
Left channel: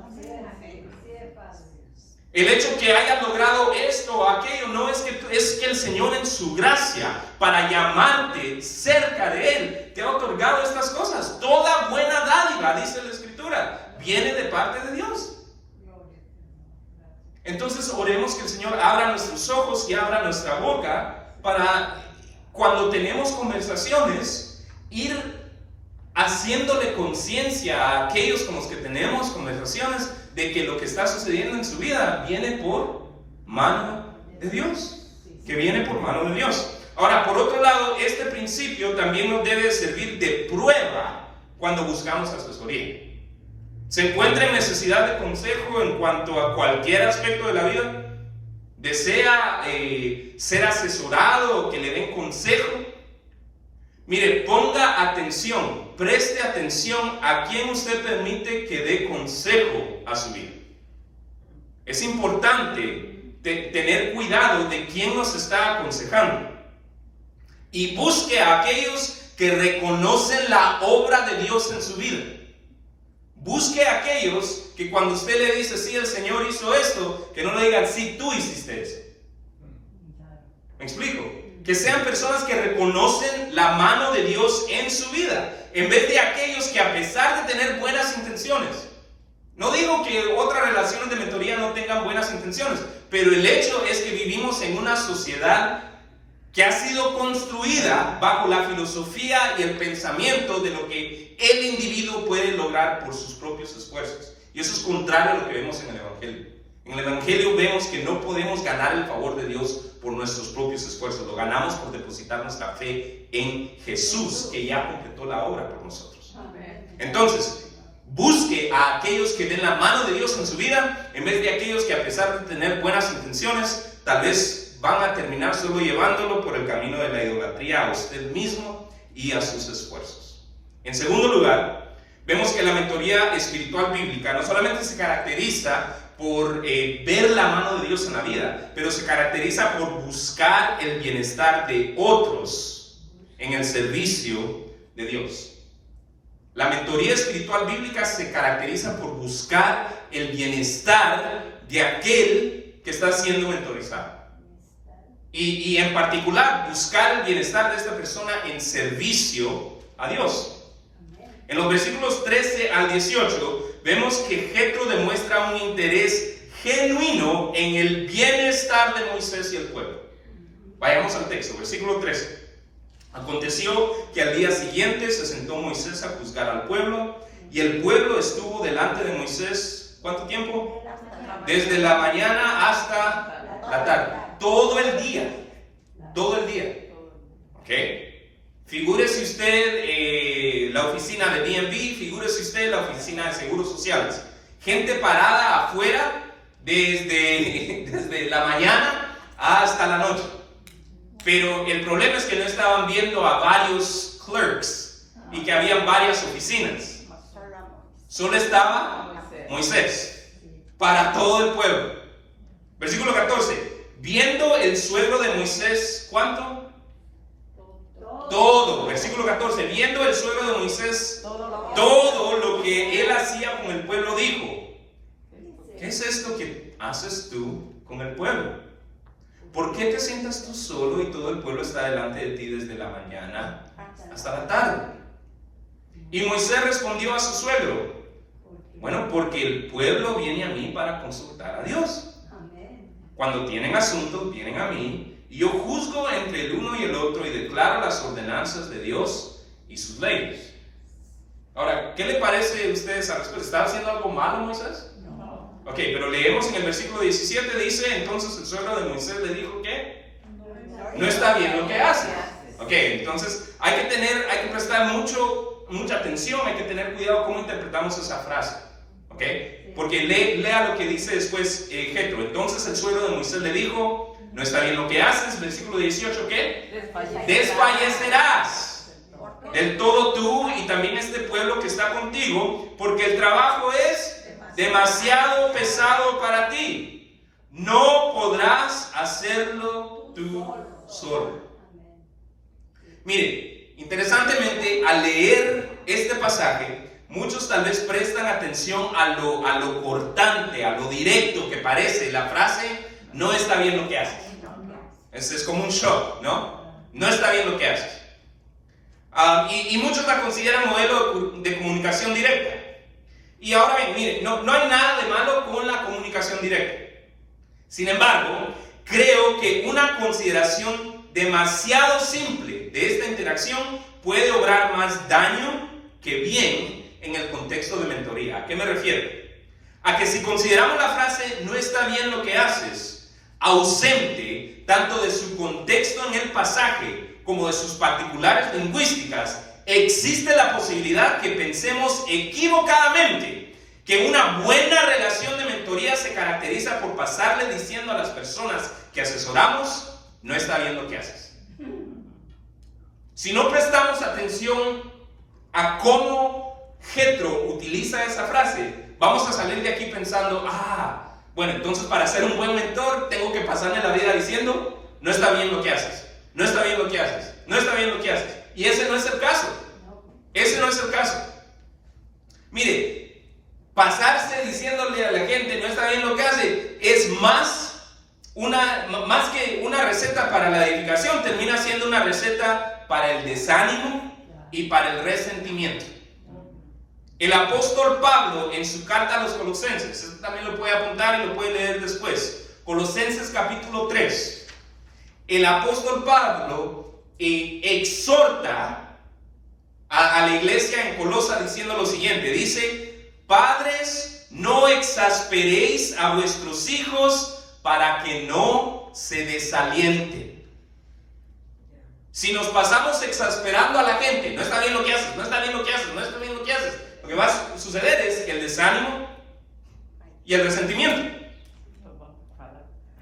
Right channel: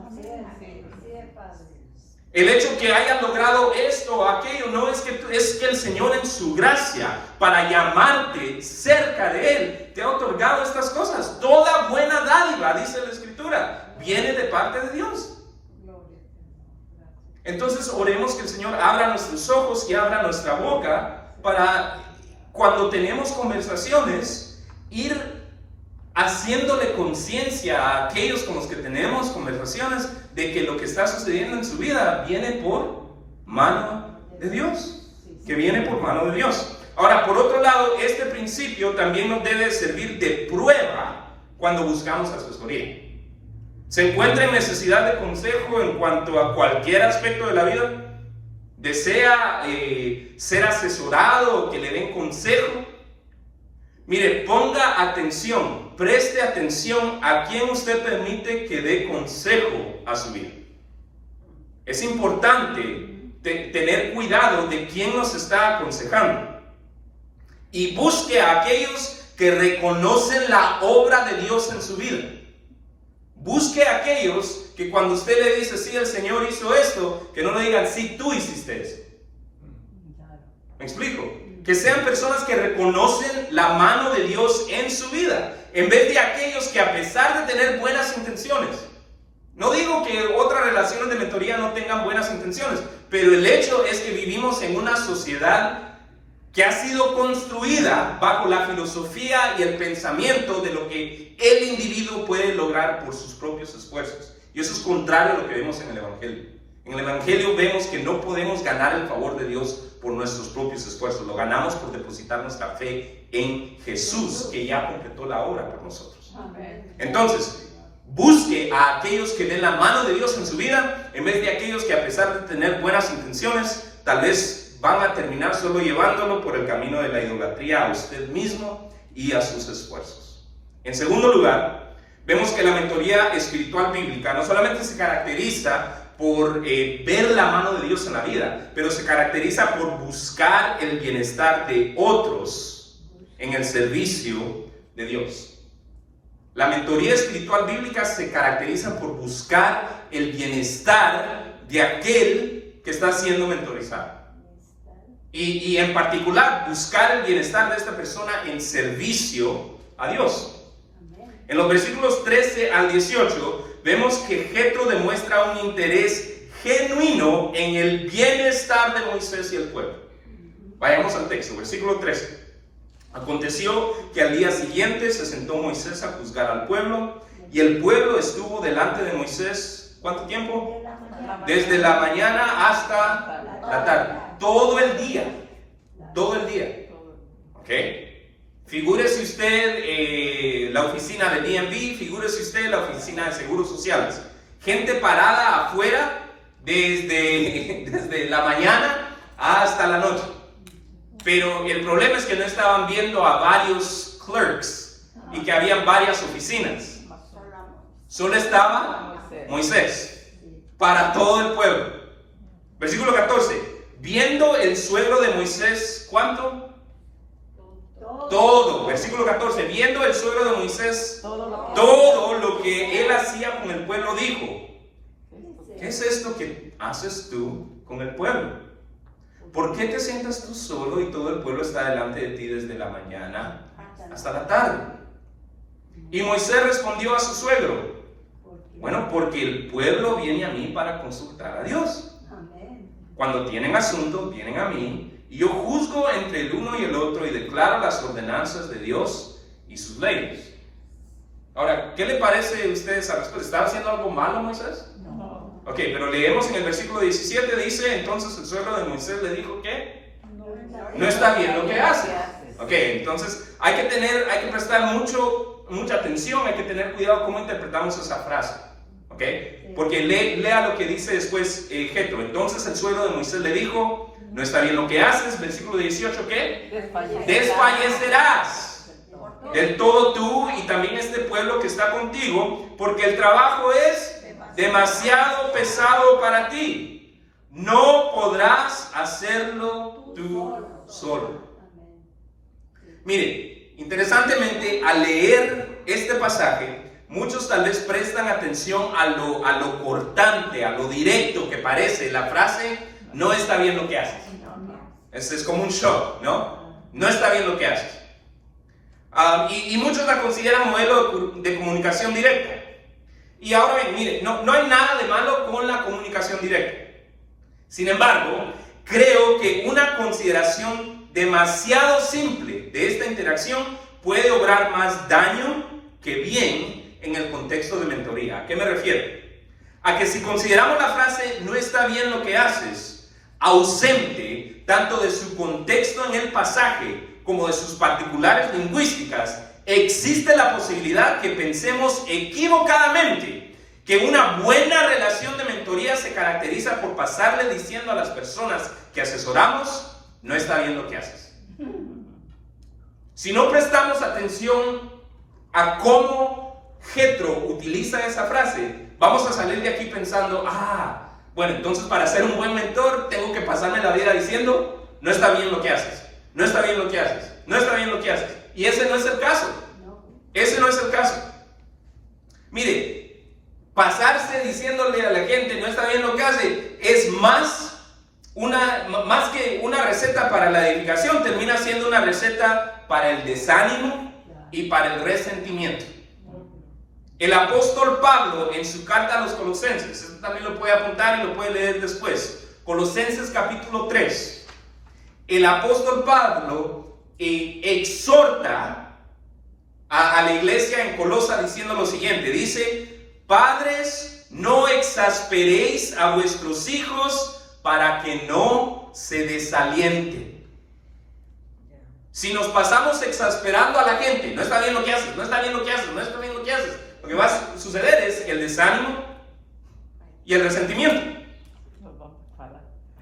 El hecho que hayas logrado esto o aquello no es que el Señor en su gracia, para llamarte cerca de Él, te ha otorgado estas cosas. Toda buena dádiva, dice la Escritura, viene de parte de Dios. Entonces oremos que el Señor abra nuestros ojos y abra nuestra boca para cuando tenemos conversaciones ir haciéndole conciencia a aquellos con los que tenemos conversaciones de que lo que está sucediendo en su vida viene por mano de Dios, que viene por mano de Dios. Ahora, por otro lado, este principio también nos debe servir de prueba cuando buscamos asesoría. ¿Se encuentra en necesidad de consejo en cuanto a cualquier aspecto de la vida? ¿Desea ser asesorado o que le den consejo? Mire, ponga atención, preste atención a quién usted permite que dé consejo a su vida. Es importante tener cuidado de quién nos está aconsejando. Y busque a aquellos que reconocen la obra de Dios en su vida. Busque a aquellos que cuando usted le dice, sí, el Señor hizo esto, que no le digan, sí, tú hiciste eso. ¿Me explico? Que sean personas que reconocen la mano de Dios en su vida, en vez de aquellos que a pesar de tener buenas intenciones, no digo que otras relaciones de mentoría no tengan buenas intenciones, pero el hecho es que vivimos en una sociedad que ha sido construida bajo la filosofía y el pensamiento de lo que el individuo puede lograr por sus propios esfuerzos. Y eso es contrario a lo que vemos en el Evangelio. En el Evangelio vemos que no podemos ganar el favor de Dios por nuestros propios esfuerzos. Lo ganamos por depositar nuestra fe en Jesús, que ya completó la obra por nosotros. Entonces, busque a aquellos que den la mano de Dios en su vida, en vez de aquellos que a pesar de tener buenas intenciones, tal vez van a terminar solo llevándolo por el camino de la idolatría a usted mismo y a sus esfuerzos. En segundo lugar, vemos que la mentoría espiritual bíblica no solamente se caracteriza por ver la mano de Dios en la vida, pero se caracteriza por buscar el bienestar de otros en el servicio de Dios. La mentoría espiritual bíblica se caracteriza por buscar el bienestar de aquel que está siendo mentorizado. Y en particular, buscar el bienestar de esta persona en servicio a Dios. En los versículos 13 al 18, vemos que Jetro demuestra un interés genuino en el bienestar de Moisés y el pueblo. Vayamos al texto, versículo 13. Aconteció que al día siguiente se sentó Moisés a juzgar al pueblo, y el pueblo estuvo delante de Moisés, ¿cuánto tiempo? Desde la mañana hasta la tarde. todo el día. Todo el día. ¿Ok? Figúrese usted la oficina de DMV, figúrese usted la oficina de Seguros Sociales. Gente parada afuera desde la mañana hasta la noche. Pero el problema es que no estaban viendo a varios clerks y que habían varias oficinas. Solo estaba Moisés para todo el pueblo. Versículo 14. Viendo el suegro de Moisés, ¿cuánto? Todo. Versículo 14. Viendo el suegro de Moisés todo lo que él hacía con el pueblo, dijo: ¿qué es esto que haces tú con el pueblo? ¿Por qué te sientas tú solo y todo el pueblo está delante de ti desde la mañana hasta la tarde? Y Moisés respondió a su suegro: bueno, porque el pueblo viene a mí para consultar a Dios. Cuando tienen asuntos, vienen a mí, y yo juzgo entre el uno y el otro y declaro las ordenanzas de Dios y sus leyes. Ahora, ¿qué le parece a ustedes a respuesta? ¿Está haciendo algo malo Moisés? No. Ok, pero leemos en el versículo 17, dice: entonces el suegro de Moisés le dijo que no está bien lo que hace. Ok, entonces hay que prestar mucha atención, hay que tener cuidado cómo interpretamos esa frase. Ok, porque lea lo que dice después Jetro. Entonces el suegro de Moisés le dijo: no está bien lo que haces. Versículo 18, ¿qué? Desfallecerás del todo tú y también este pueblo que está contigo, porque el trabajo es demasiado pesado para ti. No podrás hacerlo tú solo. Mire, interesantemente, al leer este pasaje, muchos tal vez prestan atención a lo cortante, a lo directo que parece la frase: no está bien lo que haces. Es como un shock, ¿no? No está bien lo que haces. Y muchos la consideran modelo de comunicación directa. Y ahora bien, mire, no hay nada de malo con la comunicación directa. Sin embargo, creo que una consideración demasiado simple de esta interacción puede obrar más daño que bien en el contexto de mentoría. ¿A qué me refiero? A que si consideramos la frase "no está bien lo que haces" ausente tanto de su contexto en el pasaje como de sus particulares lingüísticas, existe la posibilidad que pensemos equivocadamente que una buena relación de mentoría se caracteriza por pasarle diciendo a las personas que asesoramos: no está bien lo que haces. Si no prestamos atención a cómo Jetro utiliza esa frase, vamos a salir de aquí pensando: bueno, entonces para ser un buen mentor tengo que pasarme la vida diciendo: no está bien lo que haces, no está bien lo que haces, no está bien lo que haces. Y ese no es el caso. Ese no es el caso. Mire, pasarse diciéndole a la gente: no está bien lo que hace, es más que una receta para la edificación, termina siendo una receta para el desánimo y para el resentimiento. El apóstol Pablo, en su carta a los Colosenses, esto también lo puede apuntar y lo puede leer después, Colosenses capítulo 3, el apóstol Pablo exhorta a la iglesia en Colosa diciendo lo siguiente, dice: padres, no exasperéis a vuestros hijos para que no se desalienten. Si nos pasamos exasperando a la gente: no está bien lo que haces, no está bien lo que haces, no está bien lo que haces, lo que va a suceder es el desánimo y el resentimiento.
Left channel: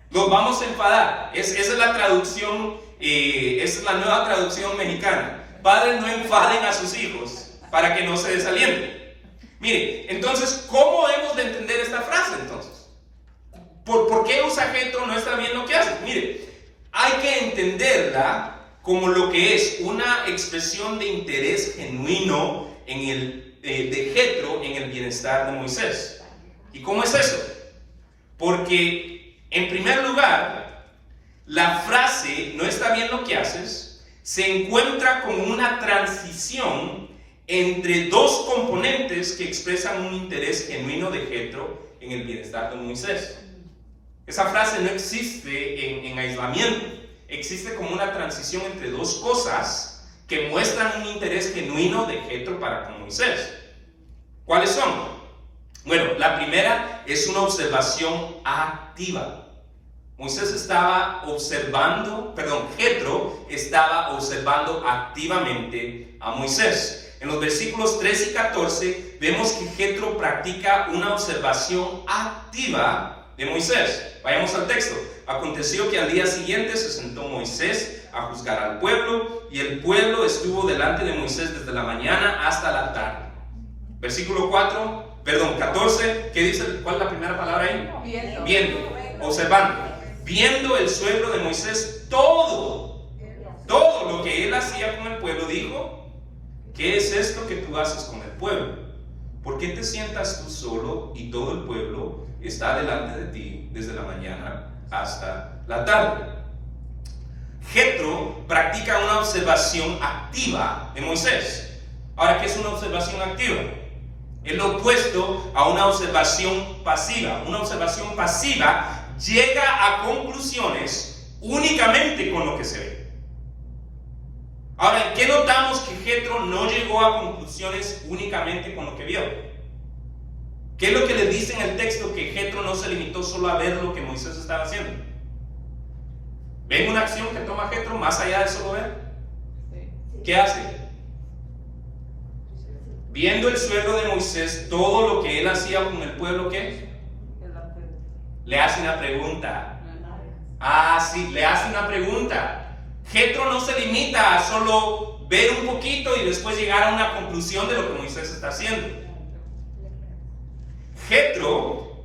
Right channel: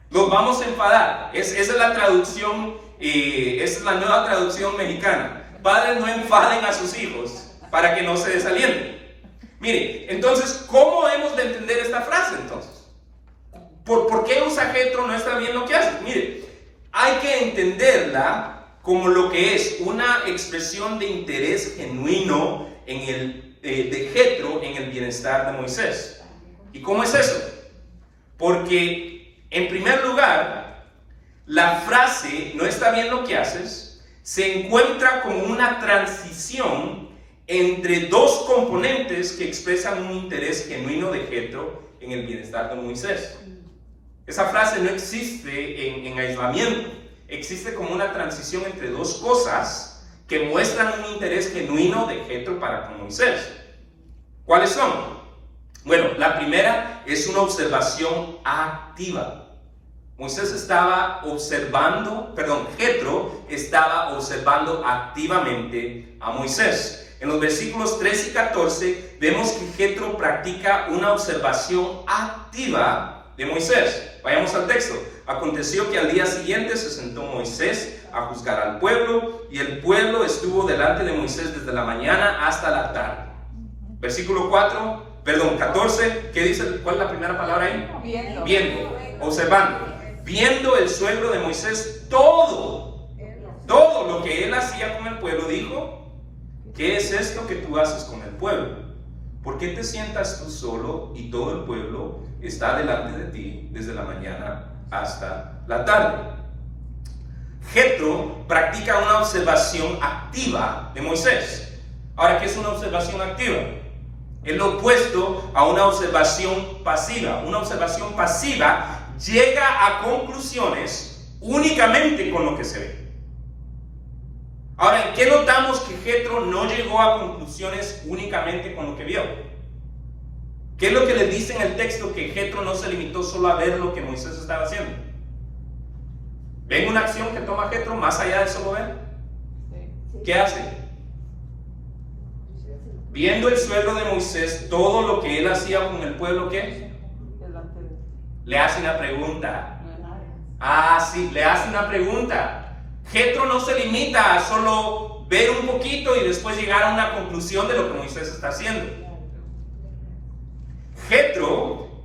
Los vamos a enfadar. Esa es la traducción, esa es la nueva traducción mexicana. Padres, no enfaden a sus hijos para que no se desalienten. Mire, entonces, ¿cómo hemos de entender esta frase entonces? ¿Por qué usa Jetro: no está bien lo que haces? Mire, hay que entenderla como lo que es una expresión de interés genuino de Jetro en el bienestar de Moisés. ¿Y cómo es eso? Porque, en primer lugar, la frase "no está bien lo que haces" se encuentra como una transición entre dos componentes que expresan un interés genuino de Jetro en el bienestar de Moisés. Esa frase no existe en aislamiento, existe como una transición entre dos cosas que muestran un interés genuino de Jetro para con Moisés. ¿Cuáles son? Bueno, la primera es una observación activa. Jetro estaba observando activamente a Moisés. En los versículos 13 y 14 vemos que Jetro practica una observación activa de Moisés. Vayamos al texto. Aconteció que al día siguiente se sentó Moisés a juzgar al pueblo, y el pueblo estuvo delante de Moisés desde la mañana hasta la tarde. Versículo 14, ¿qué dice? ¿Cuál es la primera palabra ahí? Viendo, observando. Viendo el suegro de Moisés todo lo que él hacía con el pueblo, dijo: ¿qué es esto que tú haces con el pueblo? ¿Por qué te sientas tú solo y todo el pueblo está delante de ti desde la mañana hasta la tarde? Jetro practica una observación activa de Moisés. Ahora, ¿qué es una observación activa? Es lo opuesto a una observación pasiva. Una observación pasiva llega a conclusiones únicamente con lo que se ve. Ahora, ¿en qué notamos que Jetro no llegó a conclusiones únicamente con lo que vio? ¿Qué es lo que le dice en el texto? Que Jetro no se limitó solo a ver lo que Moisés estaba haciendo. ¿Ven una acción que toma Jetro más allá de solo ver? ¿Qué hace? Viendo el suegro de Moisés todo lo que él hacía con el pueblo, ¿qué? Le hace una pregunta. Sí, le hace una pregunta. Jetro no se limita a solo ver un poquito y después llegar a una conclusión de lo que Moisés está haciendo. Jetro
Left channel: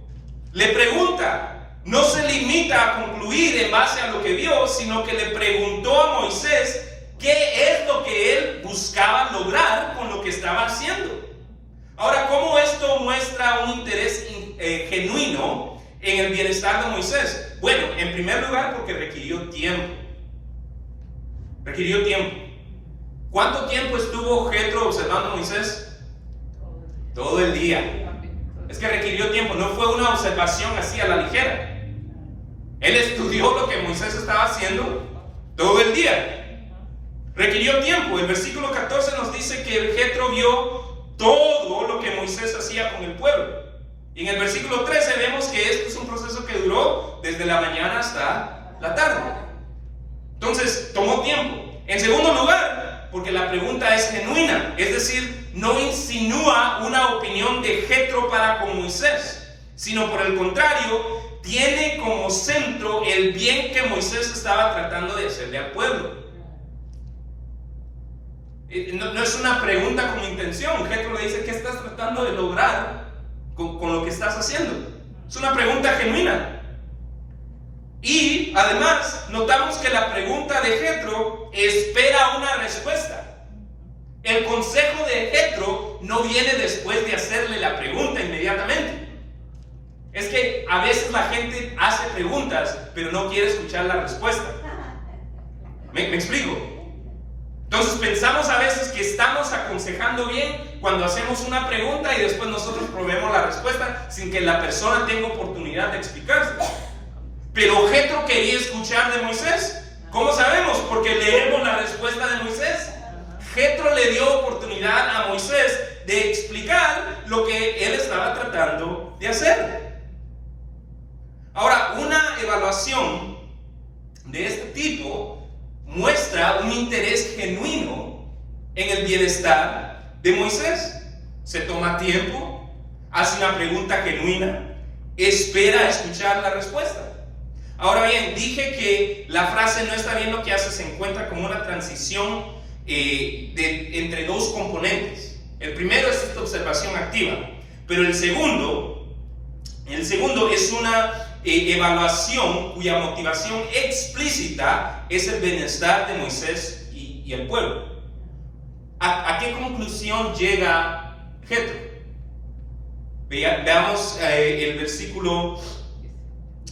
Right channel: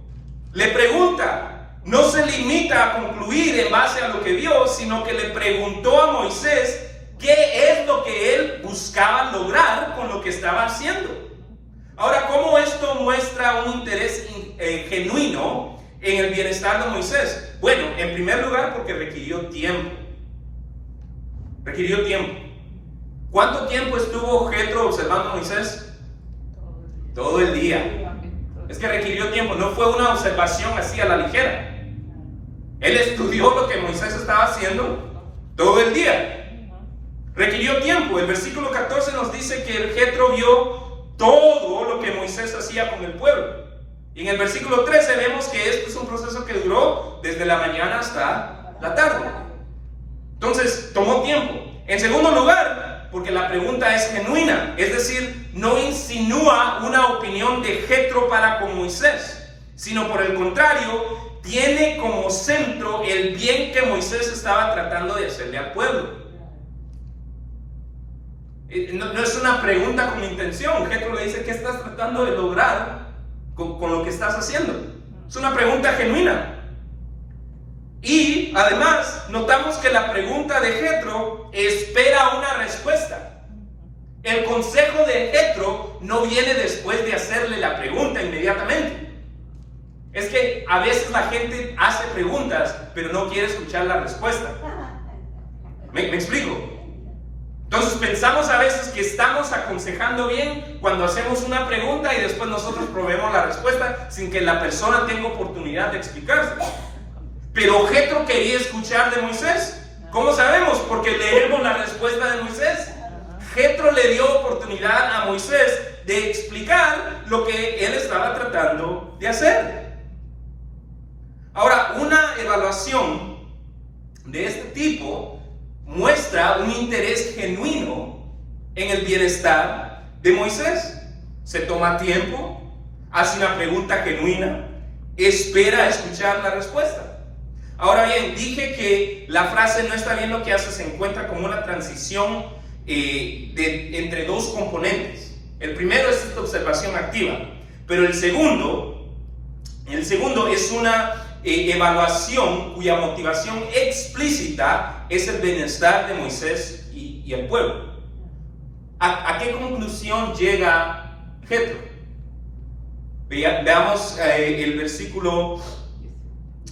le pregunta, no se limita a concluir en base a lo que vio, sino que le preguntó a Moisés qué es lo que él buscaba lograr con lo que estaba haciendo. Ahora, ¿cómo esto muestra un interés genuino en el bienestar de Moisés? Bueno, en primer lugar, porque requirió tiempo. ¿Cuánto tiempo estuvo Jetro observando a Moisés? Todo el día. Es que requirió tiempo, no fue una observación así a la ligera. Él estudió lo que Moisés estaba haciendo todo el día. Requirió tiempo. El versículo 14 nos dice que el Jetro vio todo lo que Moisés hacía con el pueblo. Y en el versículo 13 vemos que este es un proceso que duró desde la mañana hasta la tarde. Entonces, tomó tiempo. En segundo lugar, porque la pregunta es genuina, es decir, no insinúa una opinión de Jetro para con Moisés, sino por el contrario, tiene como centro el bien que Moisés estaba tratando de hacerle al pueblo. No es una pregunta con intención. Jetro le dice: ¿qué estás tratando de lograr con lo que estás haciendo? Es una pregunta genuina. Y además notamos que la pregunta de Jetro espera una respuesta. El consejo de Jetro no viene después de hacerle la pregunta inmediatamente. Es que a veces la gente hace preguntas pero no quiere escuchar la respuesta. ¿Me explico? Entonces pensamos a veces que estamos aconsejando bien cuando hacemos una pregunta y después nosotros proveemos la respuesta sin que la persona tenga oportunidad de explicarse. Pero Jetro quería escuchar de Moisés. ¿Cómo sabemos? Porque leemos la respuesta de Moisés. Jetro le dio oportunidad a Moisés de explicar lo que él estaba tratando de hacer. Ahora, una evaluación de este tipo muestra un interés genuino en el bienestar de Moisés. Se toma tiempo, hace una pregunta genuina, espera escuchar la respuesta. Ahora bien, dije que la frase "no está bien lo que hace" se encuentra como una transición entre dos componentes. El primero es esta observación activa, pero el segundo es una evaluación cuya motivación explícita es el bienestar de Moisés y el pueblo. ¿A qué conclusión llega Jetro? Veamos el versículo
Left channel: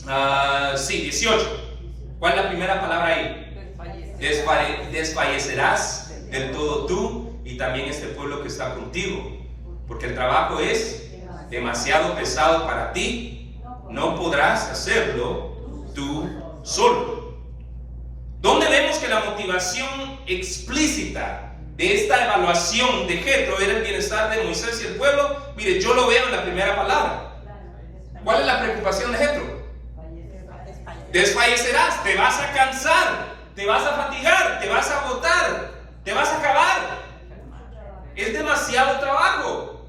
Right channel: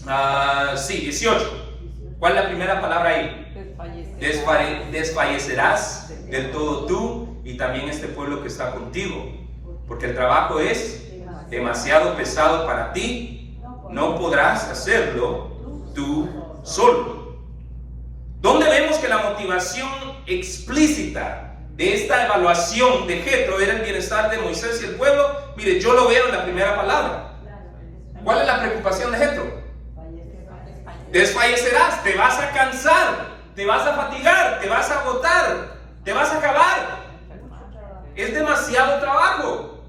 18. ¿Cuál es la primera palabra ahí? Desfallecerás del todo tú y también este pueblo que está contigo, porque el trabajo es demasiado pesado para ti, no podrás hacerlo tú solo. ¿Dónde vemos que la motivación explícita de esta evaluación de Jetro era el bienestar de Moisés y el pueblo? Mire, yo lo veo en la primera palabra. ¿Cuál es la preocupación de Jetro? Desfallecerás, te vas a cansar, te vas a fatigar, te vas a agotar, te vas a acabar. Es demasiado trabajo.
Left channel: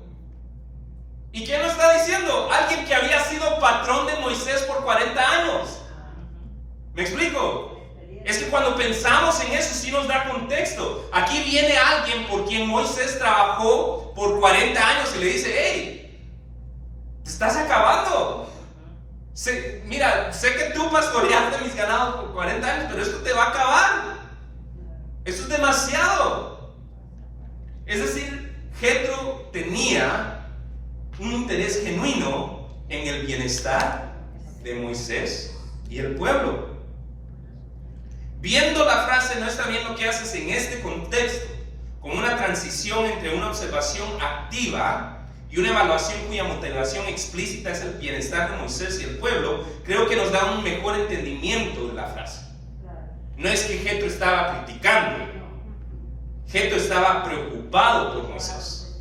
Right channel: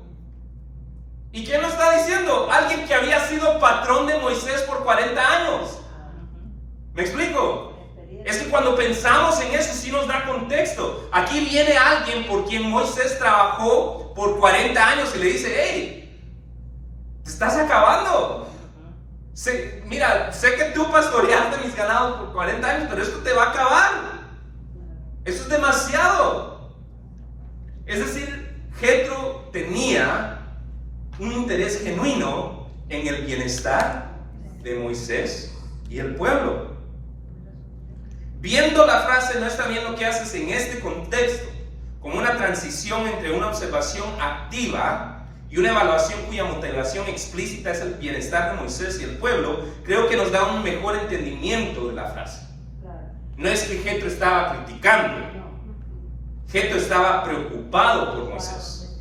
¿Y quién lo está diciendo? Alguien que había sido patrón de Moisés por 40 años. ¿Me explico? Es que cuando pensamos en eso sí nos da contexto. Aquí viene alguien por quien Moisés trabajó por 40 años y le dice: hey, te estás acabando. Mira, sé que tú pastoreaste mis ganados por 40 años, pero esto te va a acabar. Eso es demasiado. Es decir, Jethro tenía un interés genuino en el bienestar de Moisés y el pueblo. Viendo la frase "no está bien lo que haces" en este contexto, como una transición entre una observación activa y una evaluación cuya motivación explícita es el bienestar de Moisés y el pueblo, creo que nos da un mejor entendimiento de la frase. No es que Jethro estaba criticando, Jethro estaba preocupado por Moisés.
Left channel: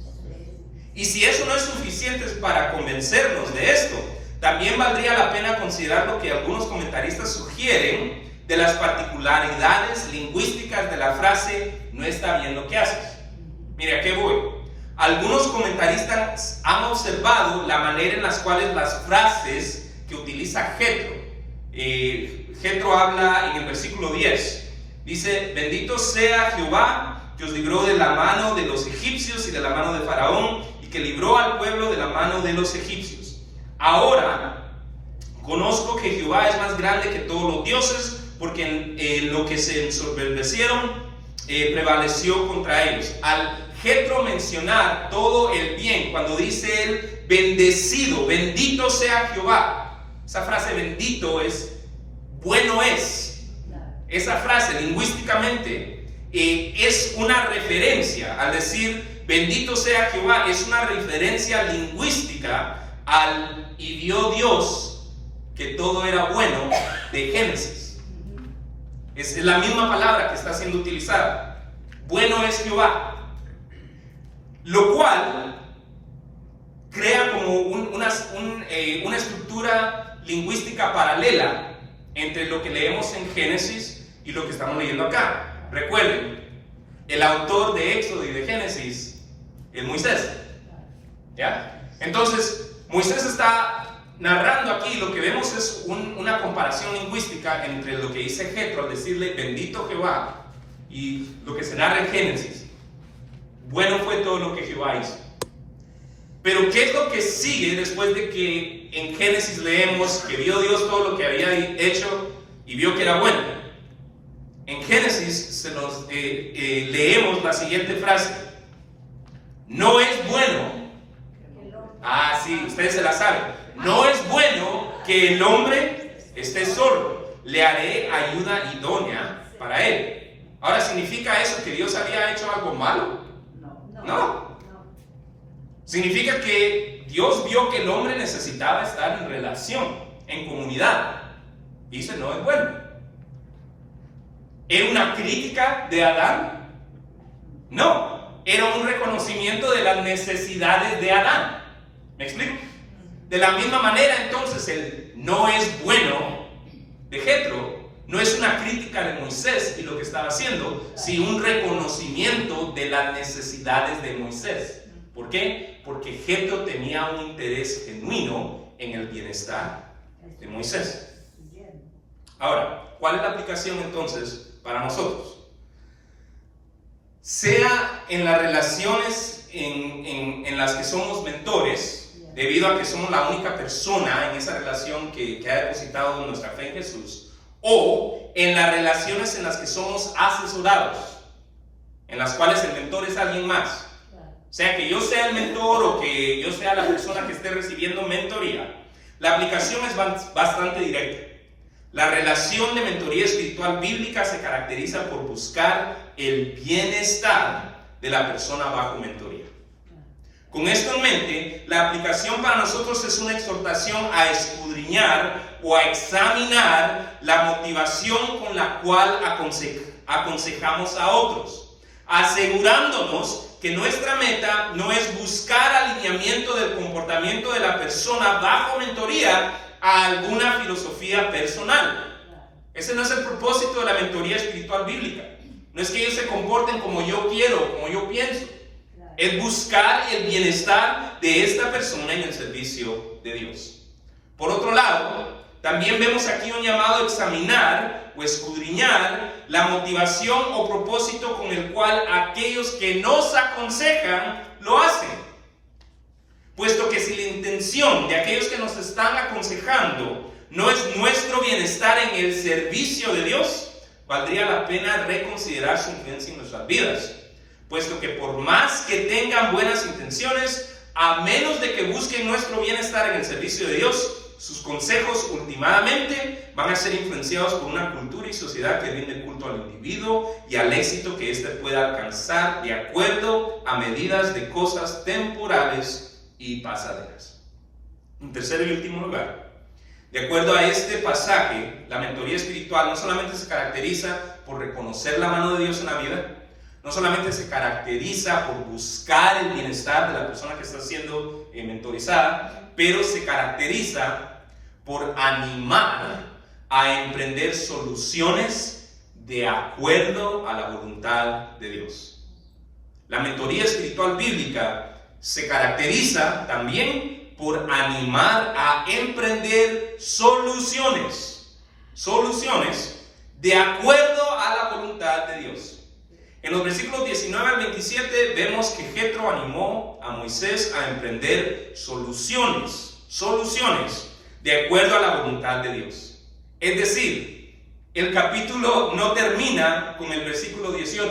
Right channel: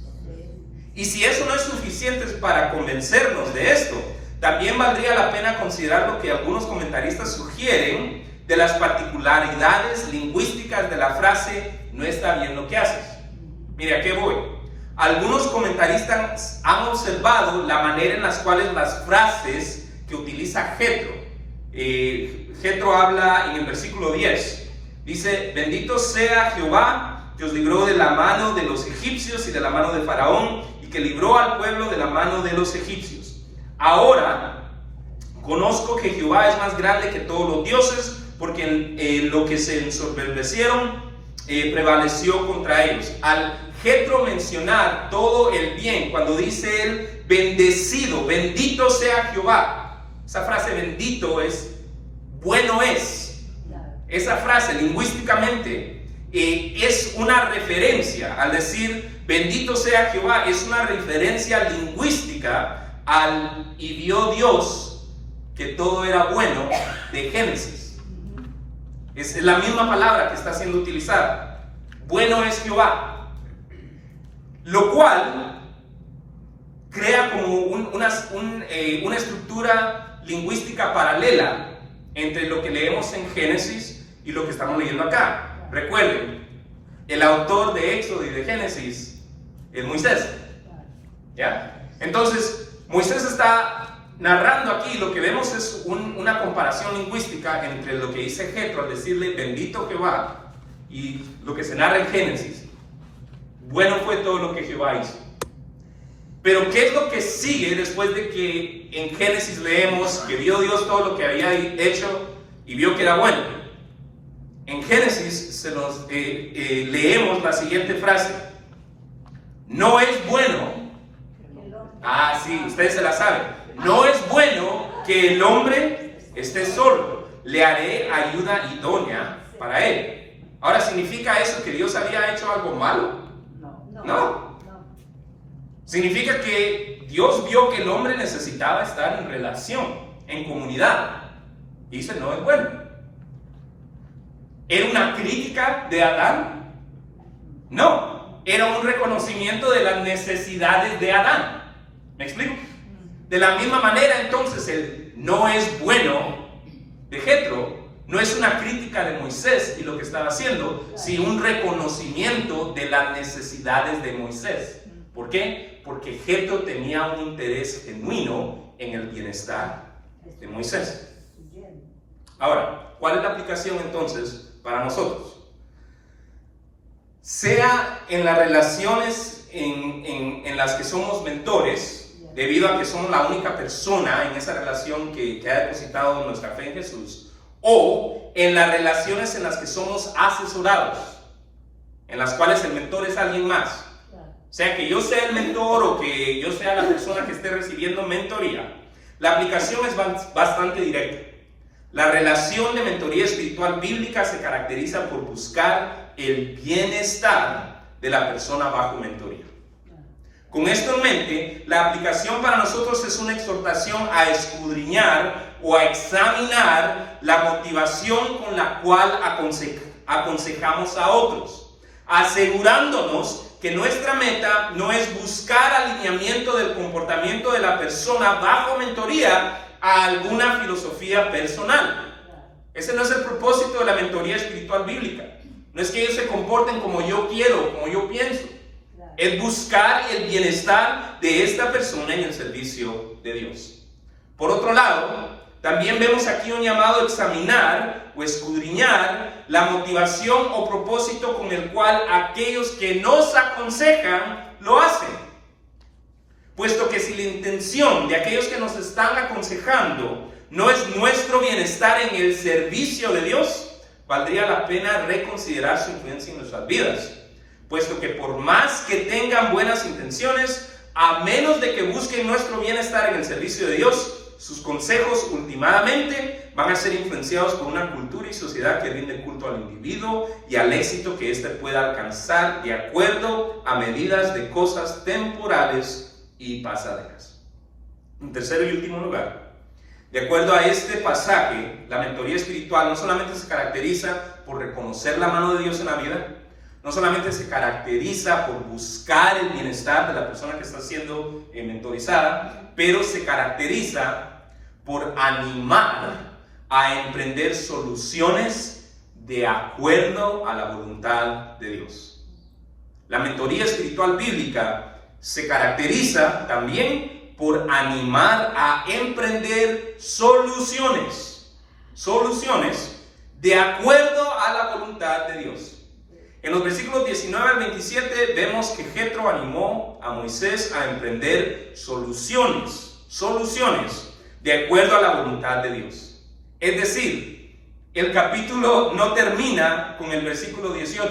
Y si eso no es suficiente para convencernos de esto, también valdría la pena considerar lo que algunos comentaristas sugieren de las particularidades lingüísticas de la frase "no está bien lo que haces". Mire, ¿a qué voy? Algunos comentaristas han observado la manera en las cuales las frases que utiliza Jethro. Jethro habla en el versículo 10. Dice: "Bendito sea Jehová, que os libró de la mano de los egipcios y de la mano de Faraón, y que libró al pueblo de la mano de los egipcios. Ahora conozco que Jehová es más grande que todos los dioses, porque en lo que se ensoberbecieron prevaleció contra ellos". Al Jethro mencionar todo el bien, cuando dice él "bendecido", "bendito sea Jehová", esa frase "bendito" es "bueno es". Esa frase lingüísticamente es una referencia. Al decir "bendito sea Jehová", es una referencia lingüística al "y vio Dios que todo era bueno" de Génesis. Es la misma palabra que está siendo utilizada. Bueno es Jehová. Lo cual crea como una estructura lingüística paralela entre lo que leemos en Génesis y lo que estamos leyendo acá. Recuerden, el autor de Éxodo y de Génesis es Moisés. ¿Ya? Entonces, Moisés está narrando aquí. Lo que vemos es una comparación lingüística entre lo que dice Jethro al decirle "bendito Jehová" y lo que se narra en Génesis. Bueno fue todo lo que Jehová hizo. Pero ¿qué es lo que sigue después de que en Génesis leemos que vio Dios todo lo que había hecho y vio que era bueno? En Génesis leemos la siguiente frase: "No es bueno". Sí, ustedes se la saben. "No es bueno que el hombre esté solo. Le haré ayuda idónea para él". Ahora, ¿significa eso que Dios había hecho algo malo? No. Significa que Dios vio que el hombre necesitaba estar en relación, en comunidad. Y dice: "no es bueno". ¿Era una crítica de Adán? No. Era un reconocimiento de las necesidades de Adán. ¿Me explico? De la misma manera, entonces, el "no es bueno" de Jethro no es una crítica de Moisés y lo que estaba haciendo, sino un reconocimiento de las necesidades de Moisés. ¿Por qué? Porque Jethro tenía un interés genuino en el bienestar de Moisés. Ahora, ¿cuál es la aplicación entonces para nosotros? Sea en las relaciones en las que somos mentores, debido a que somos la única persona en esa relación que ha depositado nuestra fe en Jesús, o en las relaciones en las que somos asesorados, en las cuales el mentor es alguien más. O sea, que yo sea el mentor o que yo sea la persona que esté recibiendo mentoría. La aplicación es bastante directa. La relación de mentoría espiritual bíblica se caracteriza por buscar el bienestar de la persona bajo mentoría. Con esto en mente, la aplicación para nosotros es una exhortación a escudriñar o a examinar la motivación con la cual aconsejamos a otros, asegurándonos que nuestra meta no es buscar alineamiento del comportamiento de la persona bajo mentoría a alguna filosofía personal. Ese no es el propósito de la mentoría espiritual bíblica. No es que ellos se comporten como yo quiero, como yo pienso. Es buscar el bienestar de esta persona en el servicio de Dios. Por otro lado, también vemos aquí un llamado a examinar o escudriñar la motivación o propósito con el cual aquellos que nos aconsejan lo hacen. Puesto que si la intención de aquellos que nos están aconsejando no es nuestro bienestar en el servicio de Dios, valdría la pena reconsiderar su influencia en nuestras vidas. Puesto que por más que tengan buenas intenciones, a menos de que busquen nuestro bienestar en el servicio de Dios, sus consejos últimamente van a ser influenciados por una cultura y sociedad que rinde culto al individuo y al éxito que éste pueda alcanzar de acuerdo a medidas de cosas temporales y pasaderas. En tercer y último lugar, de acuerdo a este pasaje, la mentoría espiritual no solamente se caracteriza por reconocer la mano de Dios en la vida, no solamente se caracteriza por buscar el bienestar de la persona que está siendo mentorizada, pero se caracteriza por animar a emprender soluciones de acuerdo a la voluntad de Dios. La mentoría espiritual bíblica se caracteriza también por animar a emprender soluciones de acuerdo a la voluntad de Dios. En los versículos 19 al 27 vemos que Jetro animó a Moisés a emprender soluciones de acuerdo a la voluntad de Dios. Es decir, el capítulo no termina con el versículo 18.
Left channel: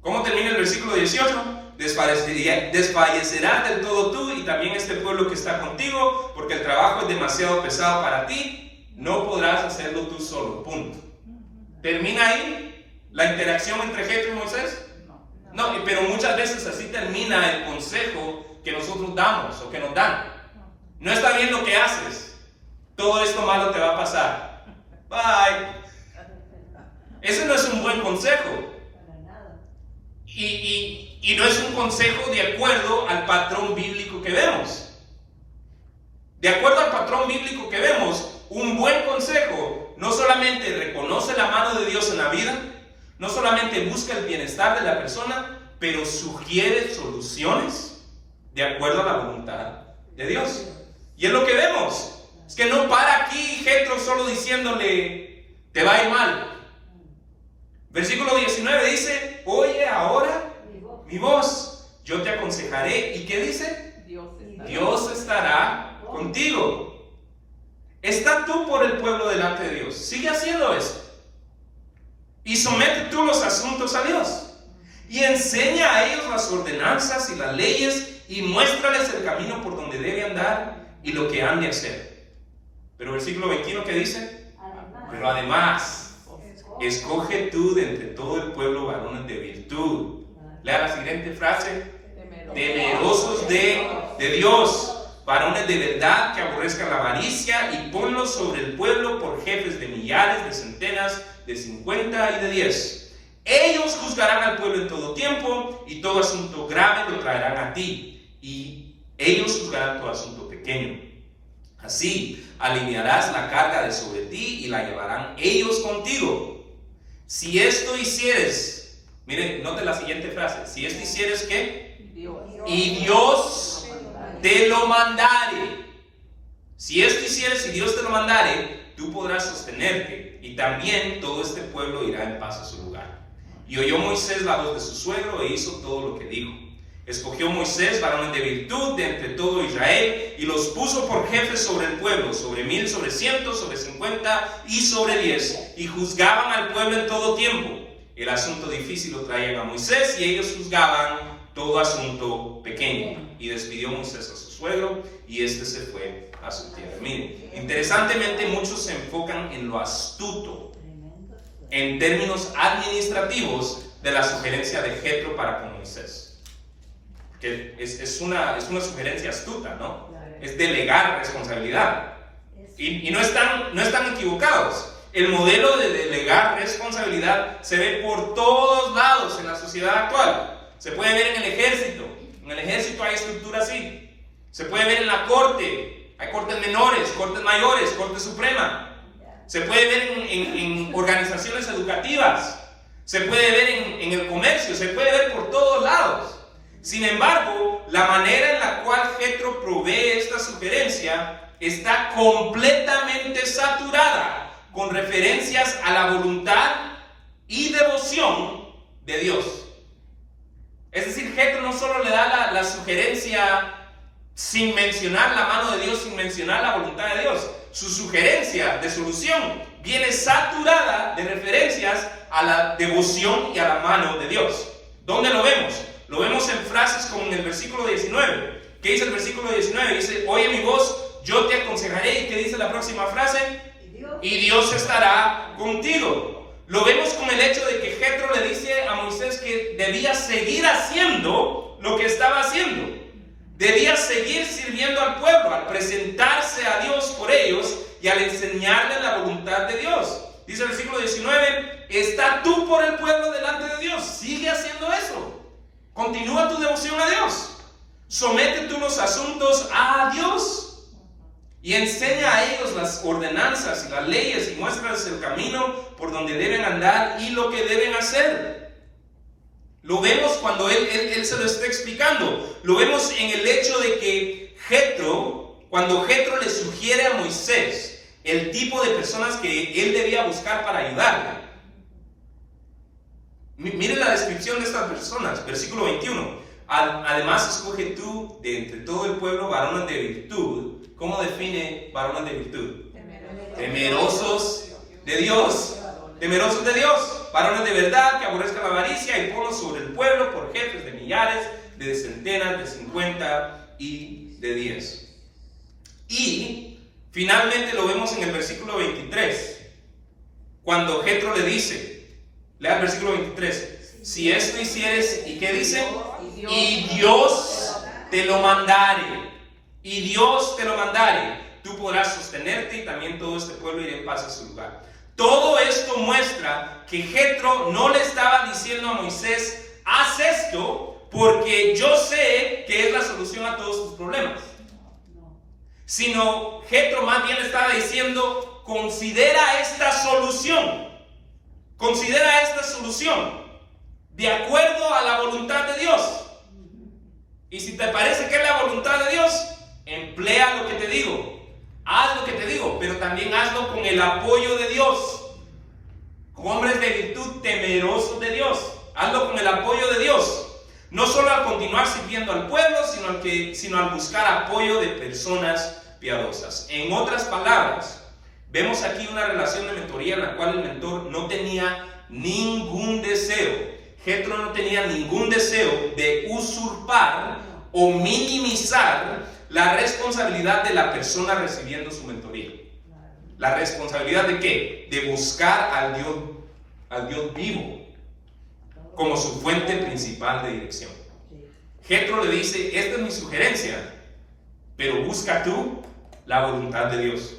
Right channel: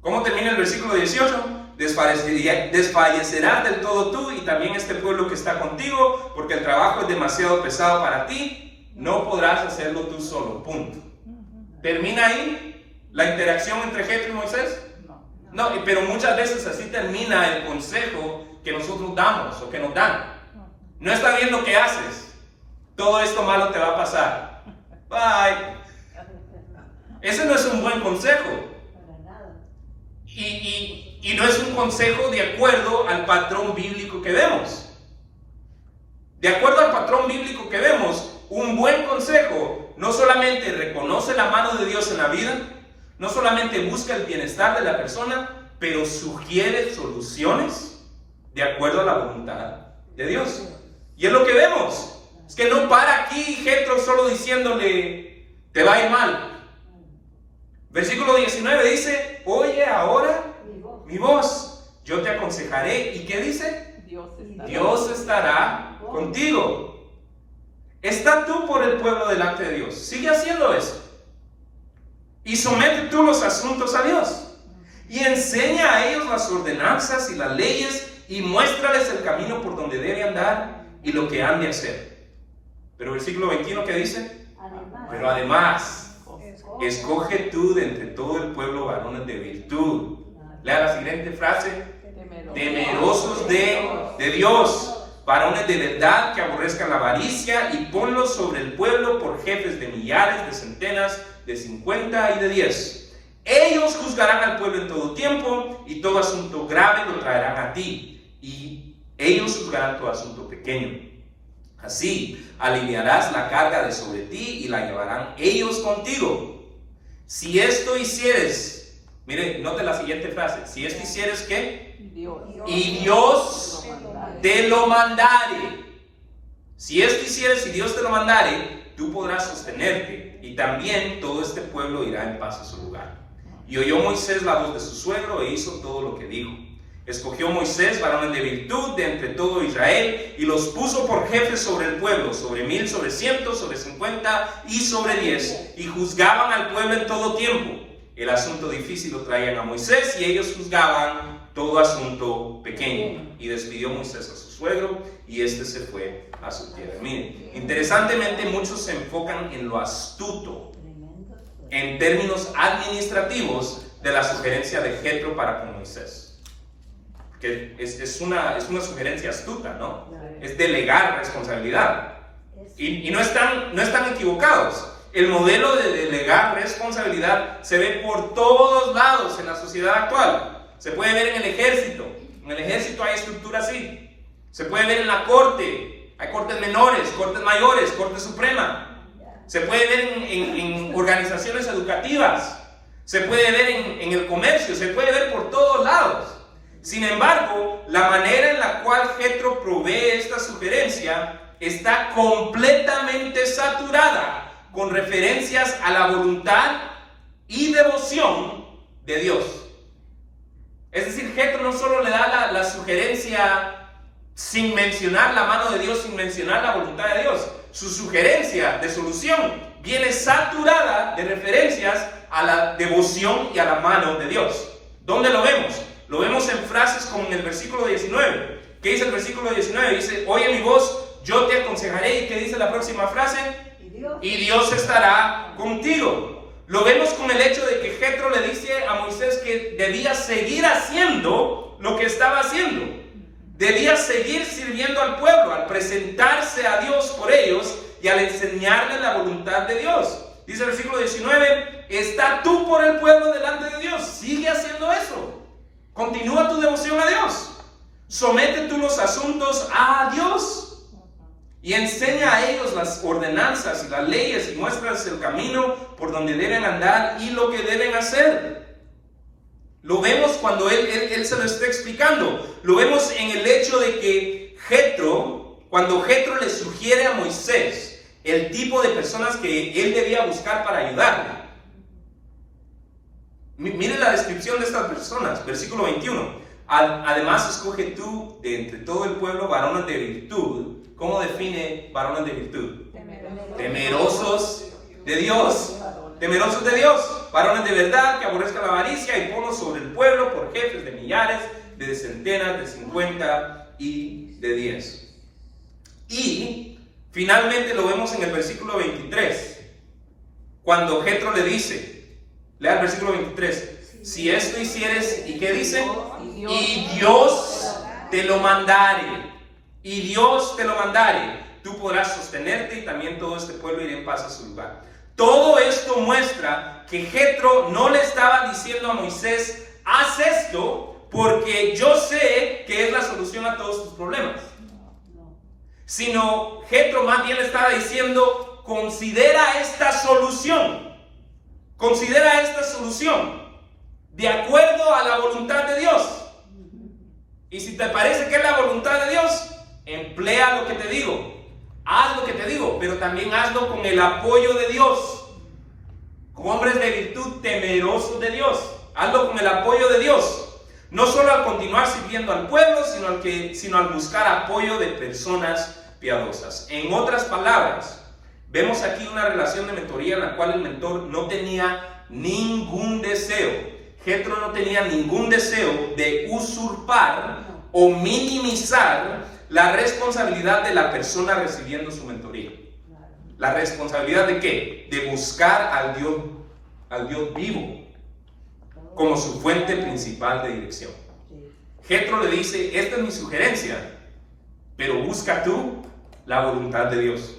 ¿Cómo termina el versículo 18? Desfallecerás del todo tú y también este pueblo que está contigo, porque el trabajo es demasiado pesado para ti, no podrás hacerlo tú solo, punto. ¿Termina ahí la interacción entre Jetro y Moisés? No, pero muchas veces así termina el consejo que nosotros damos o que nos dan. No está bien lo que haces, todo esto malo te va a pasar, bye. Ese no es un buen consejo. Y no es un consejo de acuerdo al patrón bíblico que vemos. De acuerdo al patrón bíblico que vemos, un buen consejo no solamente reconoce la mano de Dios en la vida, no solamente busca el bienestar de la persona, pero sugiere soluciones de acuerdo a la voluntad de Dios. Y es lo que vemos. Es que no para aquí Jetro solo diciéndole, te va a ir mal. Versículo 19 dice, oye ahora mi voz, yo te aconsejaré. ¿Y qué dice? Dios estará contigo. Está tú por el pueblo delante de Dios. Sigue haciendo eso. Y somete tú los asuntos a Dios. Y enseña a ellos las ordenanzas y las leyes y muéstrales el camino por donde debe andar y lo que han de hacer. Pero versículo 21, ¿qué dice? Pero además, escoge tú de entre todo el pueblo varones de virtud. Lea la siguiente frase. Temerosos de Dios, varones de verdad que aborrezcan la avaricia, y ponlos sobre el pueblo por jefes de millares, de centenas, de 50 y de 10. Ellos juzgarán al pueblo en todo tiempo, y todo asunto grave lo traerán a ti, y ellos juzgarán todo asunto pequeño. Así aliviarás la carga de sobre ti y la llevarán ellos contigo. Si esto hicieres, mire, note la siguiente frase. Si esto hicieres, ¿qué? Y Dios te lo mandare. Si esto hicieres y Dios te lo mandare, tú podrás sostenerte, y también todo este pueblo irá en paz a su lugar. Y oyó Moisés la voz de su suegro e hizo todo lo que dijo. Escogió Moisés varones de virtud de entre todo Israel y los puso por jefes sobre el pueblo, sobre 1000, sobre 100, sobre 50 y sobre 10, y juzgaban al pueblo en todo tiempo. El asunto difícil lo traían a Moisés y ellos juzgaban todo asunto pequeño. Y despidió Moisés a su suegro y este se fue a su tierra. Miren, interesantemente muchos se enfocan en lo astuto, en términos administrativos, de la sugerencia de Jetro para con Moisés. Porque es una sugerencia astuta, ¿no? Es delegar responsabilidad. Y no están equivocados. El modelo de delegar responsabilidad se ve por todos lados en la sociedad actual. Se puede ver en el ejército. En el ejército hay estructura así. Se puede ver en la corte. Hay cortes menores, cortes mayores, corte suprema. se puede ver en organizaciones educativas, se puede ver en el comercio, se puede ver por todos lados. Sin embargo, la manera en la cual Jethro provee esta sugerencia está completamente saturada con referencias a la voluntad y devoción de Dios. Es decir, Jethro no solo le da la sugerencia sin mencionar la mano de Dios, sin mencionar la voluntad de Dios. Su sugerencia de solución viene saturada de referencias a la devoción y a la mano de Dios. ¿Dónde lo vemos? Lo vemos en frases como en el versículo 19. ¿Qué dice el versículo 19? Dice, oye mi voz, yo te aconsejaré. ¿Y qué dice la próxima frase? Y Dios estará contigo. Lo vemos con el hecho de que Jethro le dice a Moisés que debía seguir haciendo lo que estaba haciendo. Debía seguir sirviendo al pueblo, al presentarse a Dios por ellos y al enseñarle la voluntad de Dios. Dice el versículo 19, está tú por el pueblo delante de Dios. Sigue haciendo eso. Continúa tu devoción a Dios. Somete tú los asuntos a Dios. Y enseña a ellos las ordenanzas y las leyes y muéstrales el camino por donde deben andar y lo que deben hacer. Lo vemos cuando él se lo está explicando. Lo vemos en el hecho de que cuando Jethro le sugiere a Moisés el tipo de personas que él debía buscar para ayudarle. Miren la descripción de estas personas, versículo 21. Además, escoge tú de entre todo el pueblo varones de virtud. ¿Cómo define varones de virtud? Temerosos de Dios. Temerosos de Dios, varones de verdad que aborrezcan la avaricia, y ponlos sobre el pueblo por jefes de millares, de centenas, de 50 y de 10. Y finalmente lo vemos en el versículo 23, cuando Jethro le dice, lea el versículo 23, si esto hicieres, ¿y qué dice? Y Dios te lo mandare, y Dios te lo mandare, tú podrás sostenerte y también todo este pueblo irá en paz a su lugar. Todo esto muestra que Jethro no le estaba diciendo a Moisés, haz esto porque yo sé que es la solución a todos tus problemas. Sino Jethro más bien le estaba diciendo, considera esta solución. Considera esta solución de acuerdo a la voluntad de Dios. Y si te parece que es la voluntad de Dios, emplea lo que te digo. Haz lo que te digo, pero también hazlo con el apoyo de Dios. Con hombres de virtud temerosos de Dios. Hazlo con el apoyo de Dios. No solo al continuar sirviendo al pueblo, sino al buscar apoyo de personas piadosas. En otras palabras, vemos aquí una relación de mentoría en la cual el mentor no tenía ningún deseo. Jethro no tenía ningún deseo de usurpar o minimizar la responsabilidad de la persona recibiendo su mentoría. ¿La responsabilidad de qué? De buscar al Dios vivo como su fuente principal de dirección. Jethro le dice, esta es mi sugerencia, pero busca tú la voluntad de Dios.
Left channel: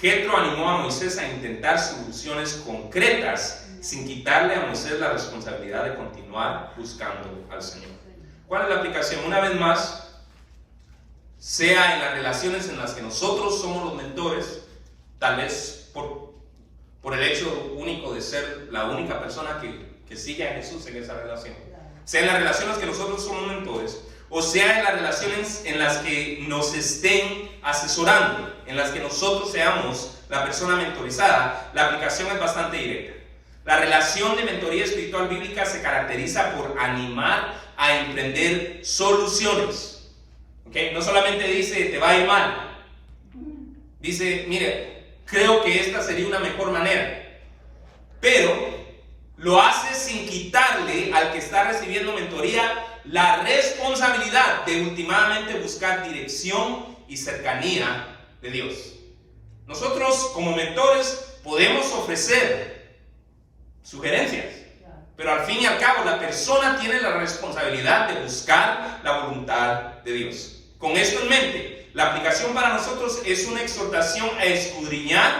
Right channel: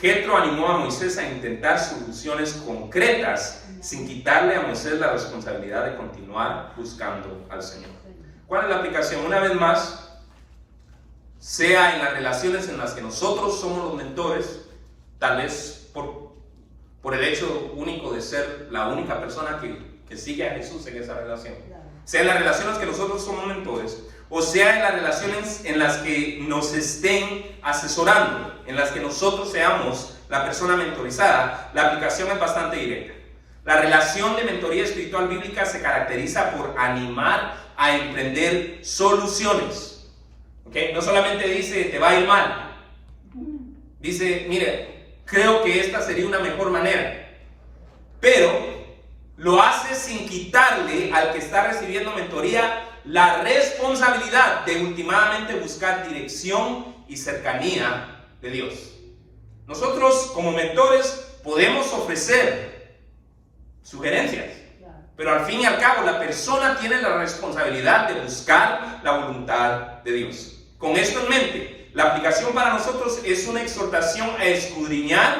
Jethro animó a Moisés a intentar soluciones concretas sin quitarle a Moisés la responsabilidad de continuar buscando al Señor. ¿Cuál es la aplicación? Una vez más, sea en las relaciones en las que nosotros somos los mentores, tal vez por el hecho único de ser la única persona que sigue a Jesús en esa relación, sea en las relaciones que nosotros somos mentores, o sea en las relaciones en las que nos estén asesorando, en las que nosotros seamos la persona mentorizada, la aplicación es bastante directa. La relación de mentoría espiritual bíblica se caracteriza por animar a emprender soluciones. ¿Okay? No solamente dice, te va a ir mal. Dice, mire, creo que esta sería una mejor manera. Pero lo hace sin quitarle al que está recibiendo mentoría la responsabilidad de últimamente buscar dirección y cercanía de Dios. Nosotros como mentores podemos ofrecer sugerencias, pero al fin y al cabo la persona tiene la responsabilidad de buscar la voluntad de Dios. Con esto en mente, la aplicación para nosotros es una exhortación a escudriñar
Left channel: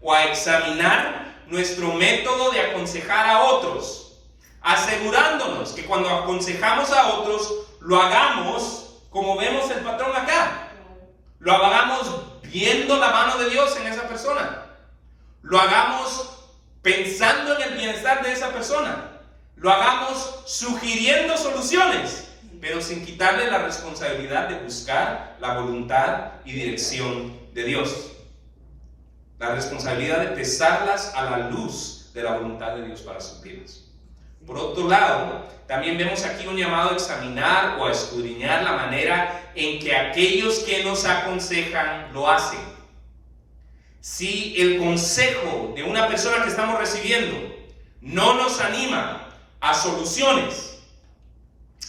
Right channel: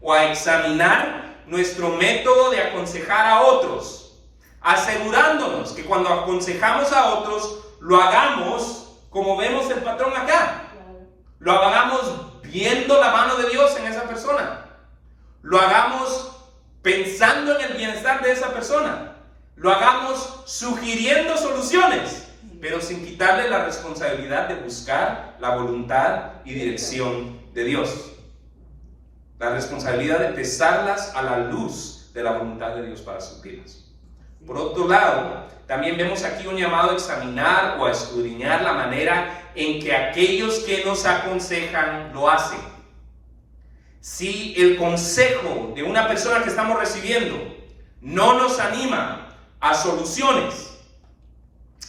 o a examinar nuestro método de aconsejar a otros, asegurándonos que cuando aconsejamos a otros lo hagamos como vemos el patrón acá, lo hagamos viendo la mano de Dios en esa persona, lo hagamos pensando en el bienestar de esa persona, lo hagamos sugiriendo soluciones, pero sin quitarle la responsabilidad de buscar la voluntad y dirección de Dios. La responsabilidad de pesarlas a la luz de la voluntad de Dios para sus vidas. Por otro lado, también vemos aquí un llamado a examinar o a escudriñar la manera en que aquellos que nos aconsejan lo hacen. Si el consejo de una persona que estamos recibiendo no nos anima a soluciones,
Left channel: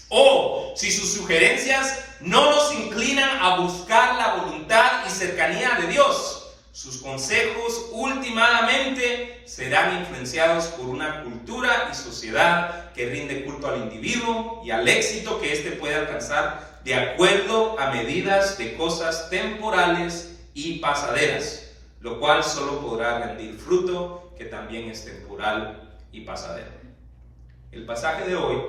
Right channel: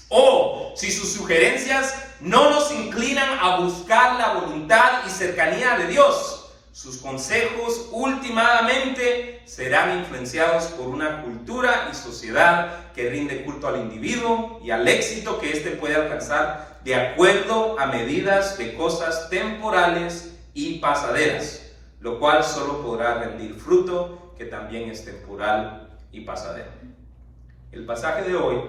o si sus sugerencias no nos inclinan a buscar la voluntad y cercanía de Dios, sus consejos últimamente serán influenciados por una cultura y sociedad que rinde culto al individuo y al éxito que éste puede alcanzar de acuerdo a medidas de cosas temporales y pasaderas, lo cual solo podrá rendir fruto que también es temporal y pasadero. El pasaje de hoy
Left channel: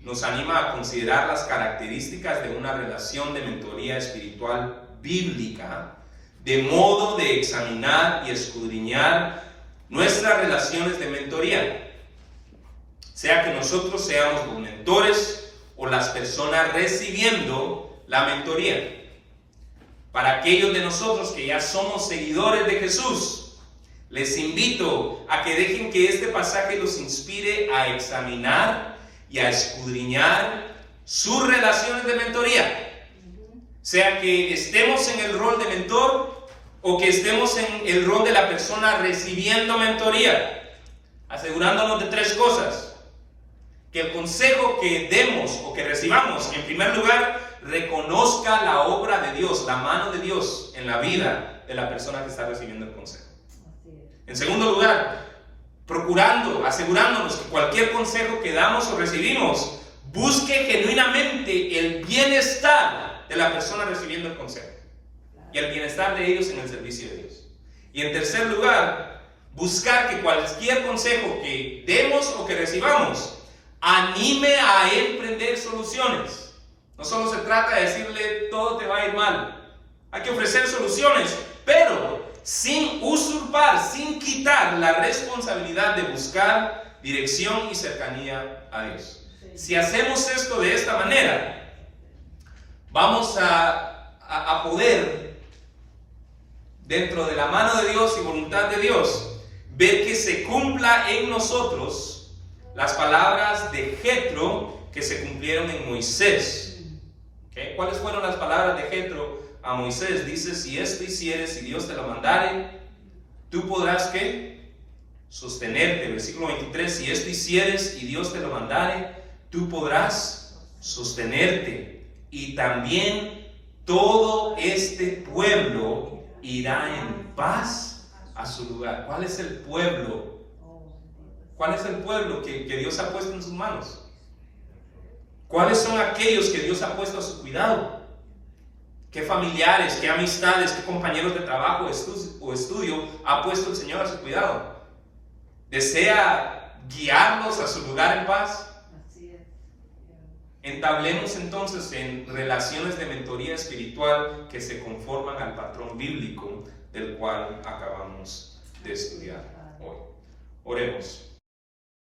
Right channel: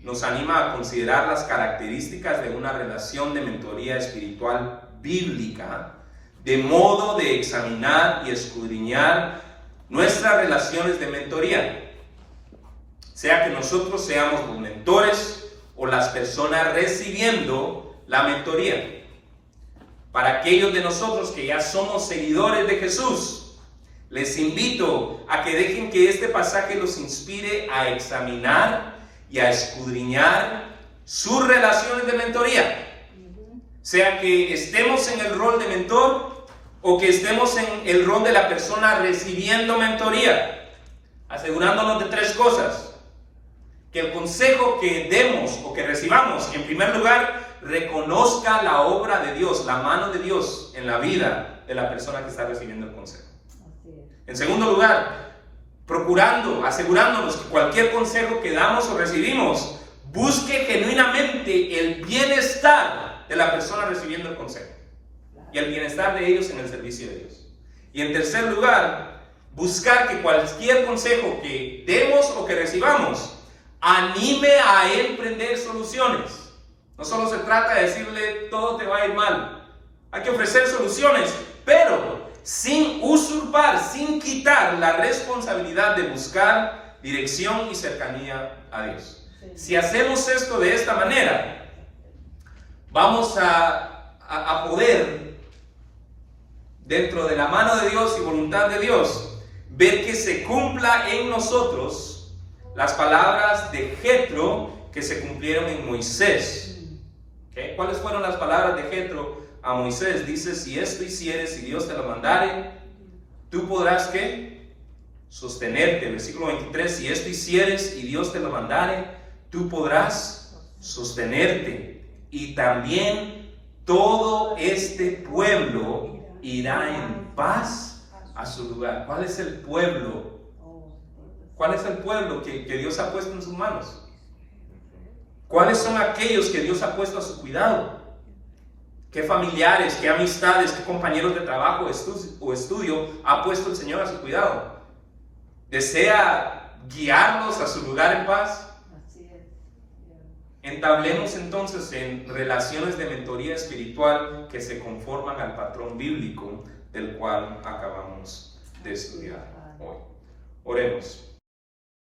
nos anima a considerar las características de una relación de mentoría espiritual bíblica, de modo de examinar y escudriñar nuestras relaciones de mentoría, sea que nosotros seamos los mentores o las personas recibiendo la mentoría. Para aquellos de nosotros que ya somos seguidores de Jesús, les invito a que dejen que este pasaje los inspire a examinar y a escudriñar sus relaciones de mentoría, sea que estemos en el rol de mentor o que estemos en el rol de la persona recibiendo mentoría, asegurándonos de tres cosas: que el consejo que demos o que recibamos, en primer lugar, reconozca la obra de Dios, la mano de Dios en la vida de la persona que está recibiendo el consejo. En segundo lugar, asegurándonos que cualquier consejo que damos o recibimos busque genuinamente el bienestar de la persona recibiendo el consejo y el bienestar de ellos en el servicio de Dios. Y en tercer lugar, buscar que cualquier consejo que demos o que recibamos anime a emprender soluciones. No solo se trata de decirle todo te va a ir mal. Hay que ofrecer soluciones, pero sin usurpar, sin quitar la responsabilidad de buscar dirección y cercanía a Dios. Si hacemos esto de esta manera, vamos a poder, dentro de la mano de Dios y voluntad de Dios, ver que se cumpla en nosotros las palabras de Jetro que se cumplieron en Moisés. ¿Okay? ¿Cuáles fueron las palabras de Jetro a Moisés? Dice: si esto hicieres, si Dios te lo mandare, tú podrás, ¿qué? Sostenerte. Versículo 23: si esto hicieres y Dios te lo mandare, tú podrás sostenerte. Y también todo este pueblo irá en paz a su lugar. ¿Cuál es el pueblo? ¿Cuál es el pueblo que Dios ha puesto en sus manos? ¿Cuáles son aquellos que Dios ha puesto a su cuidado? ¿Qué familiares, qué amistades, qué compañeros de trabajo o estudio ha puesto el Señor a su cuidado? ¿Desea guiarlos a su lugar en paz? Entablemos entonces en relaciones de mentoría espiritual que se conforman al patrón bíblico del cual acabamos de estudiar hoy. Oremos.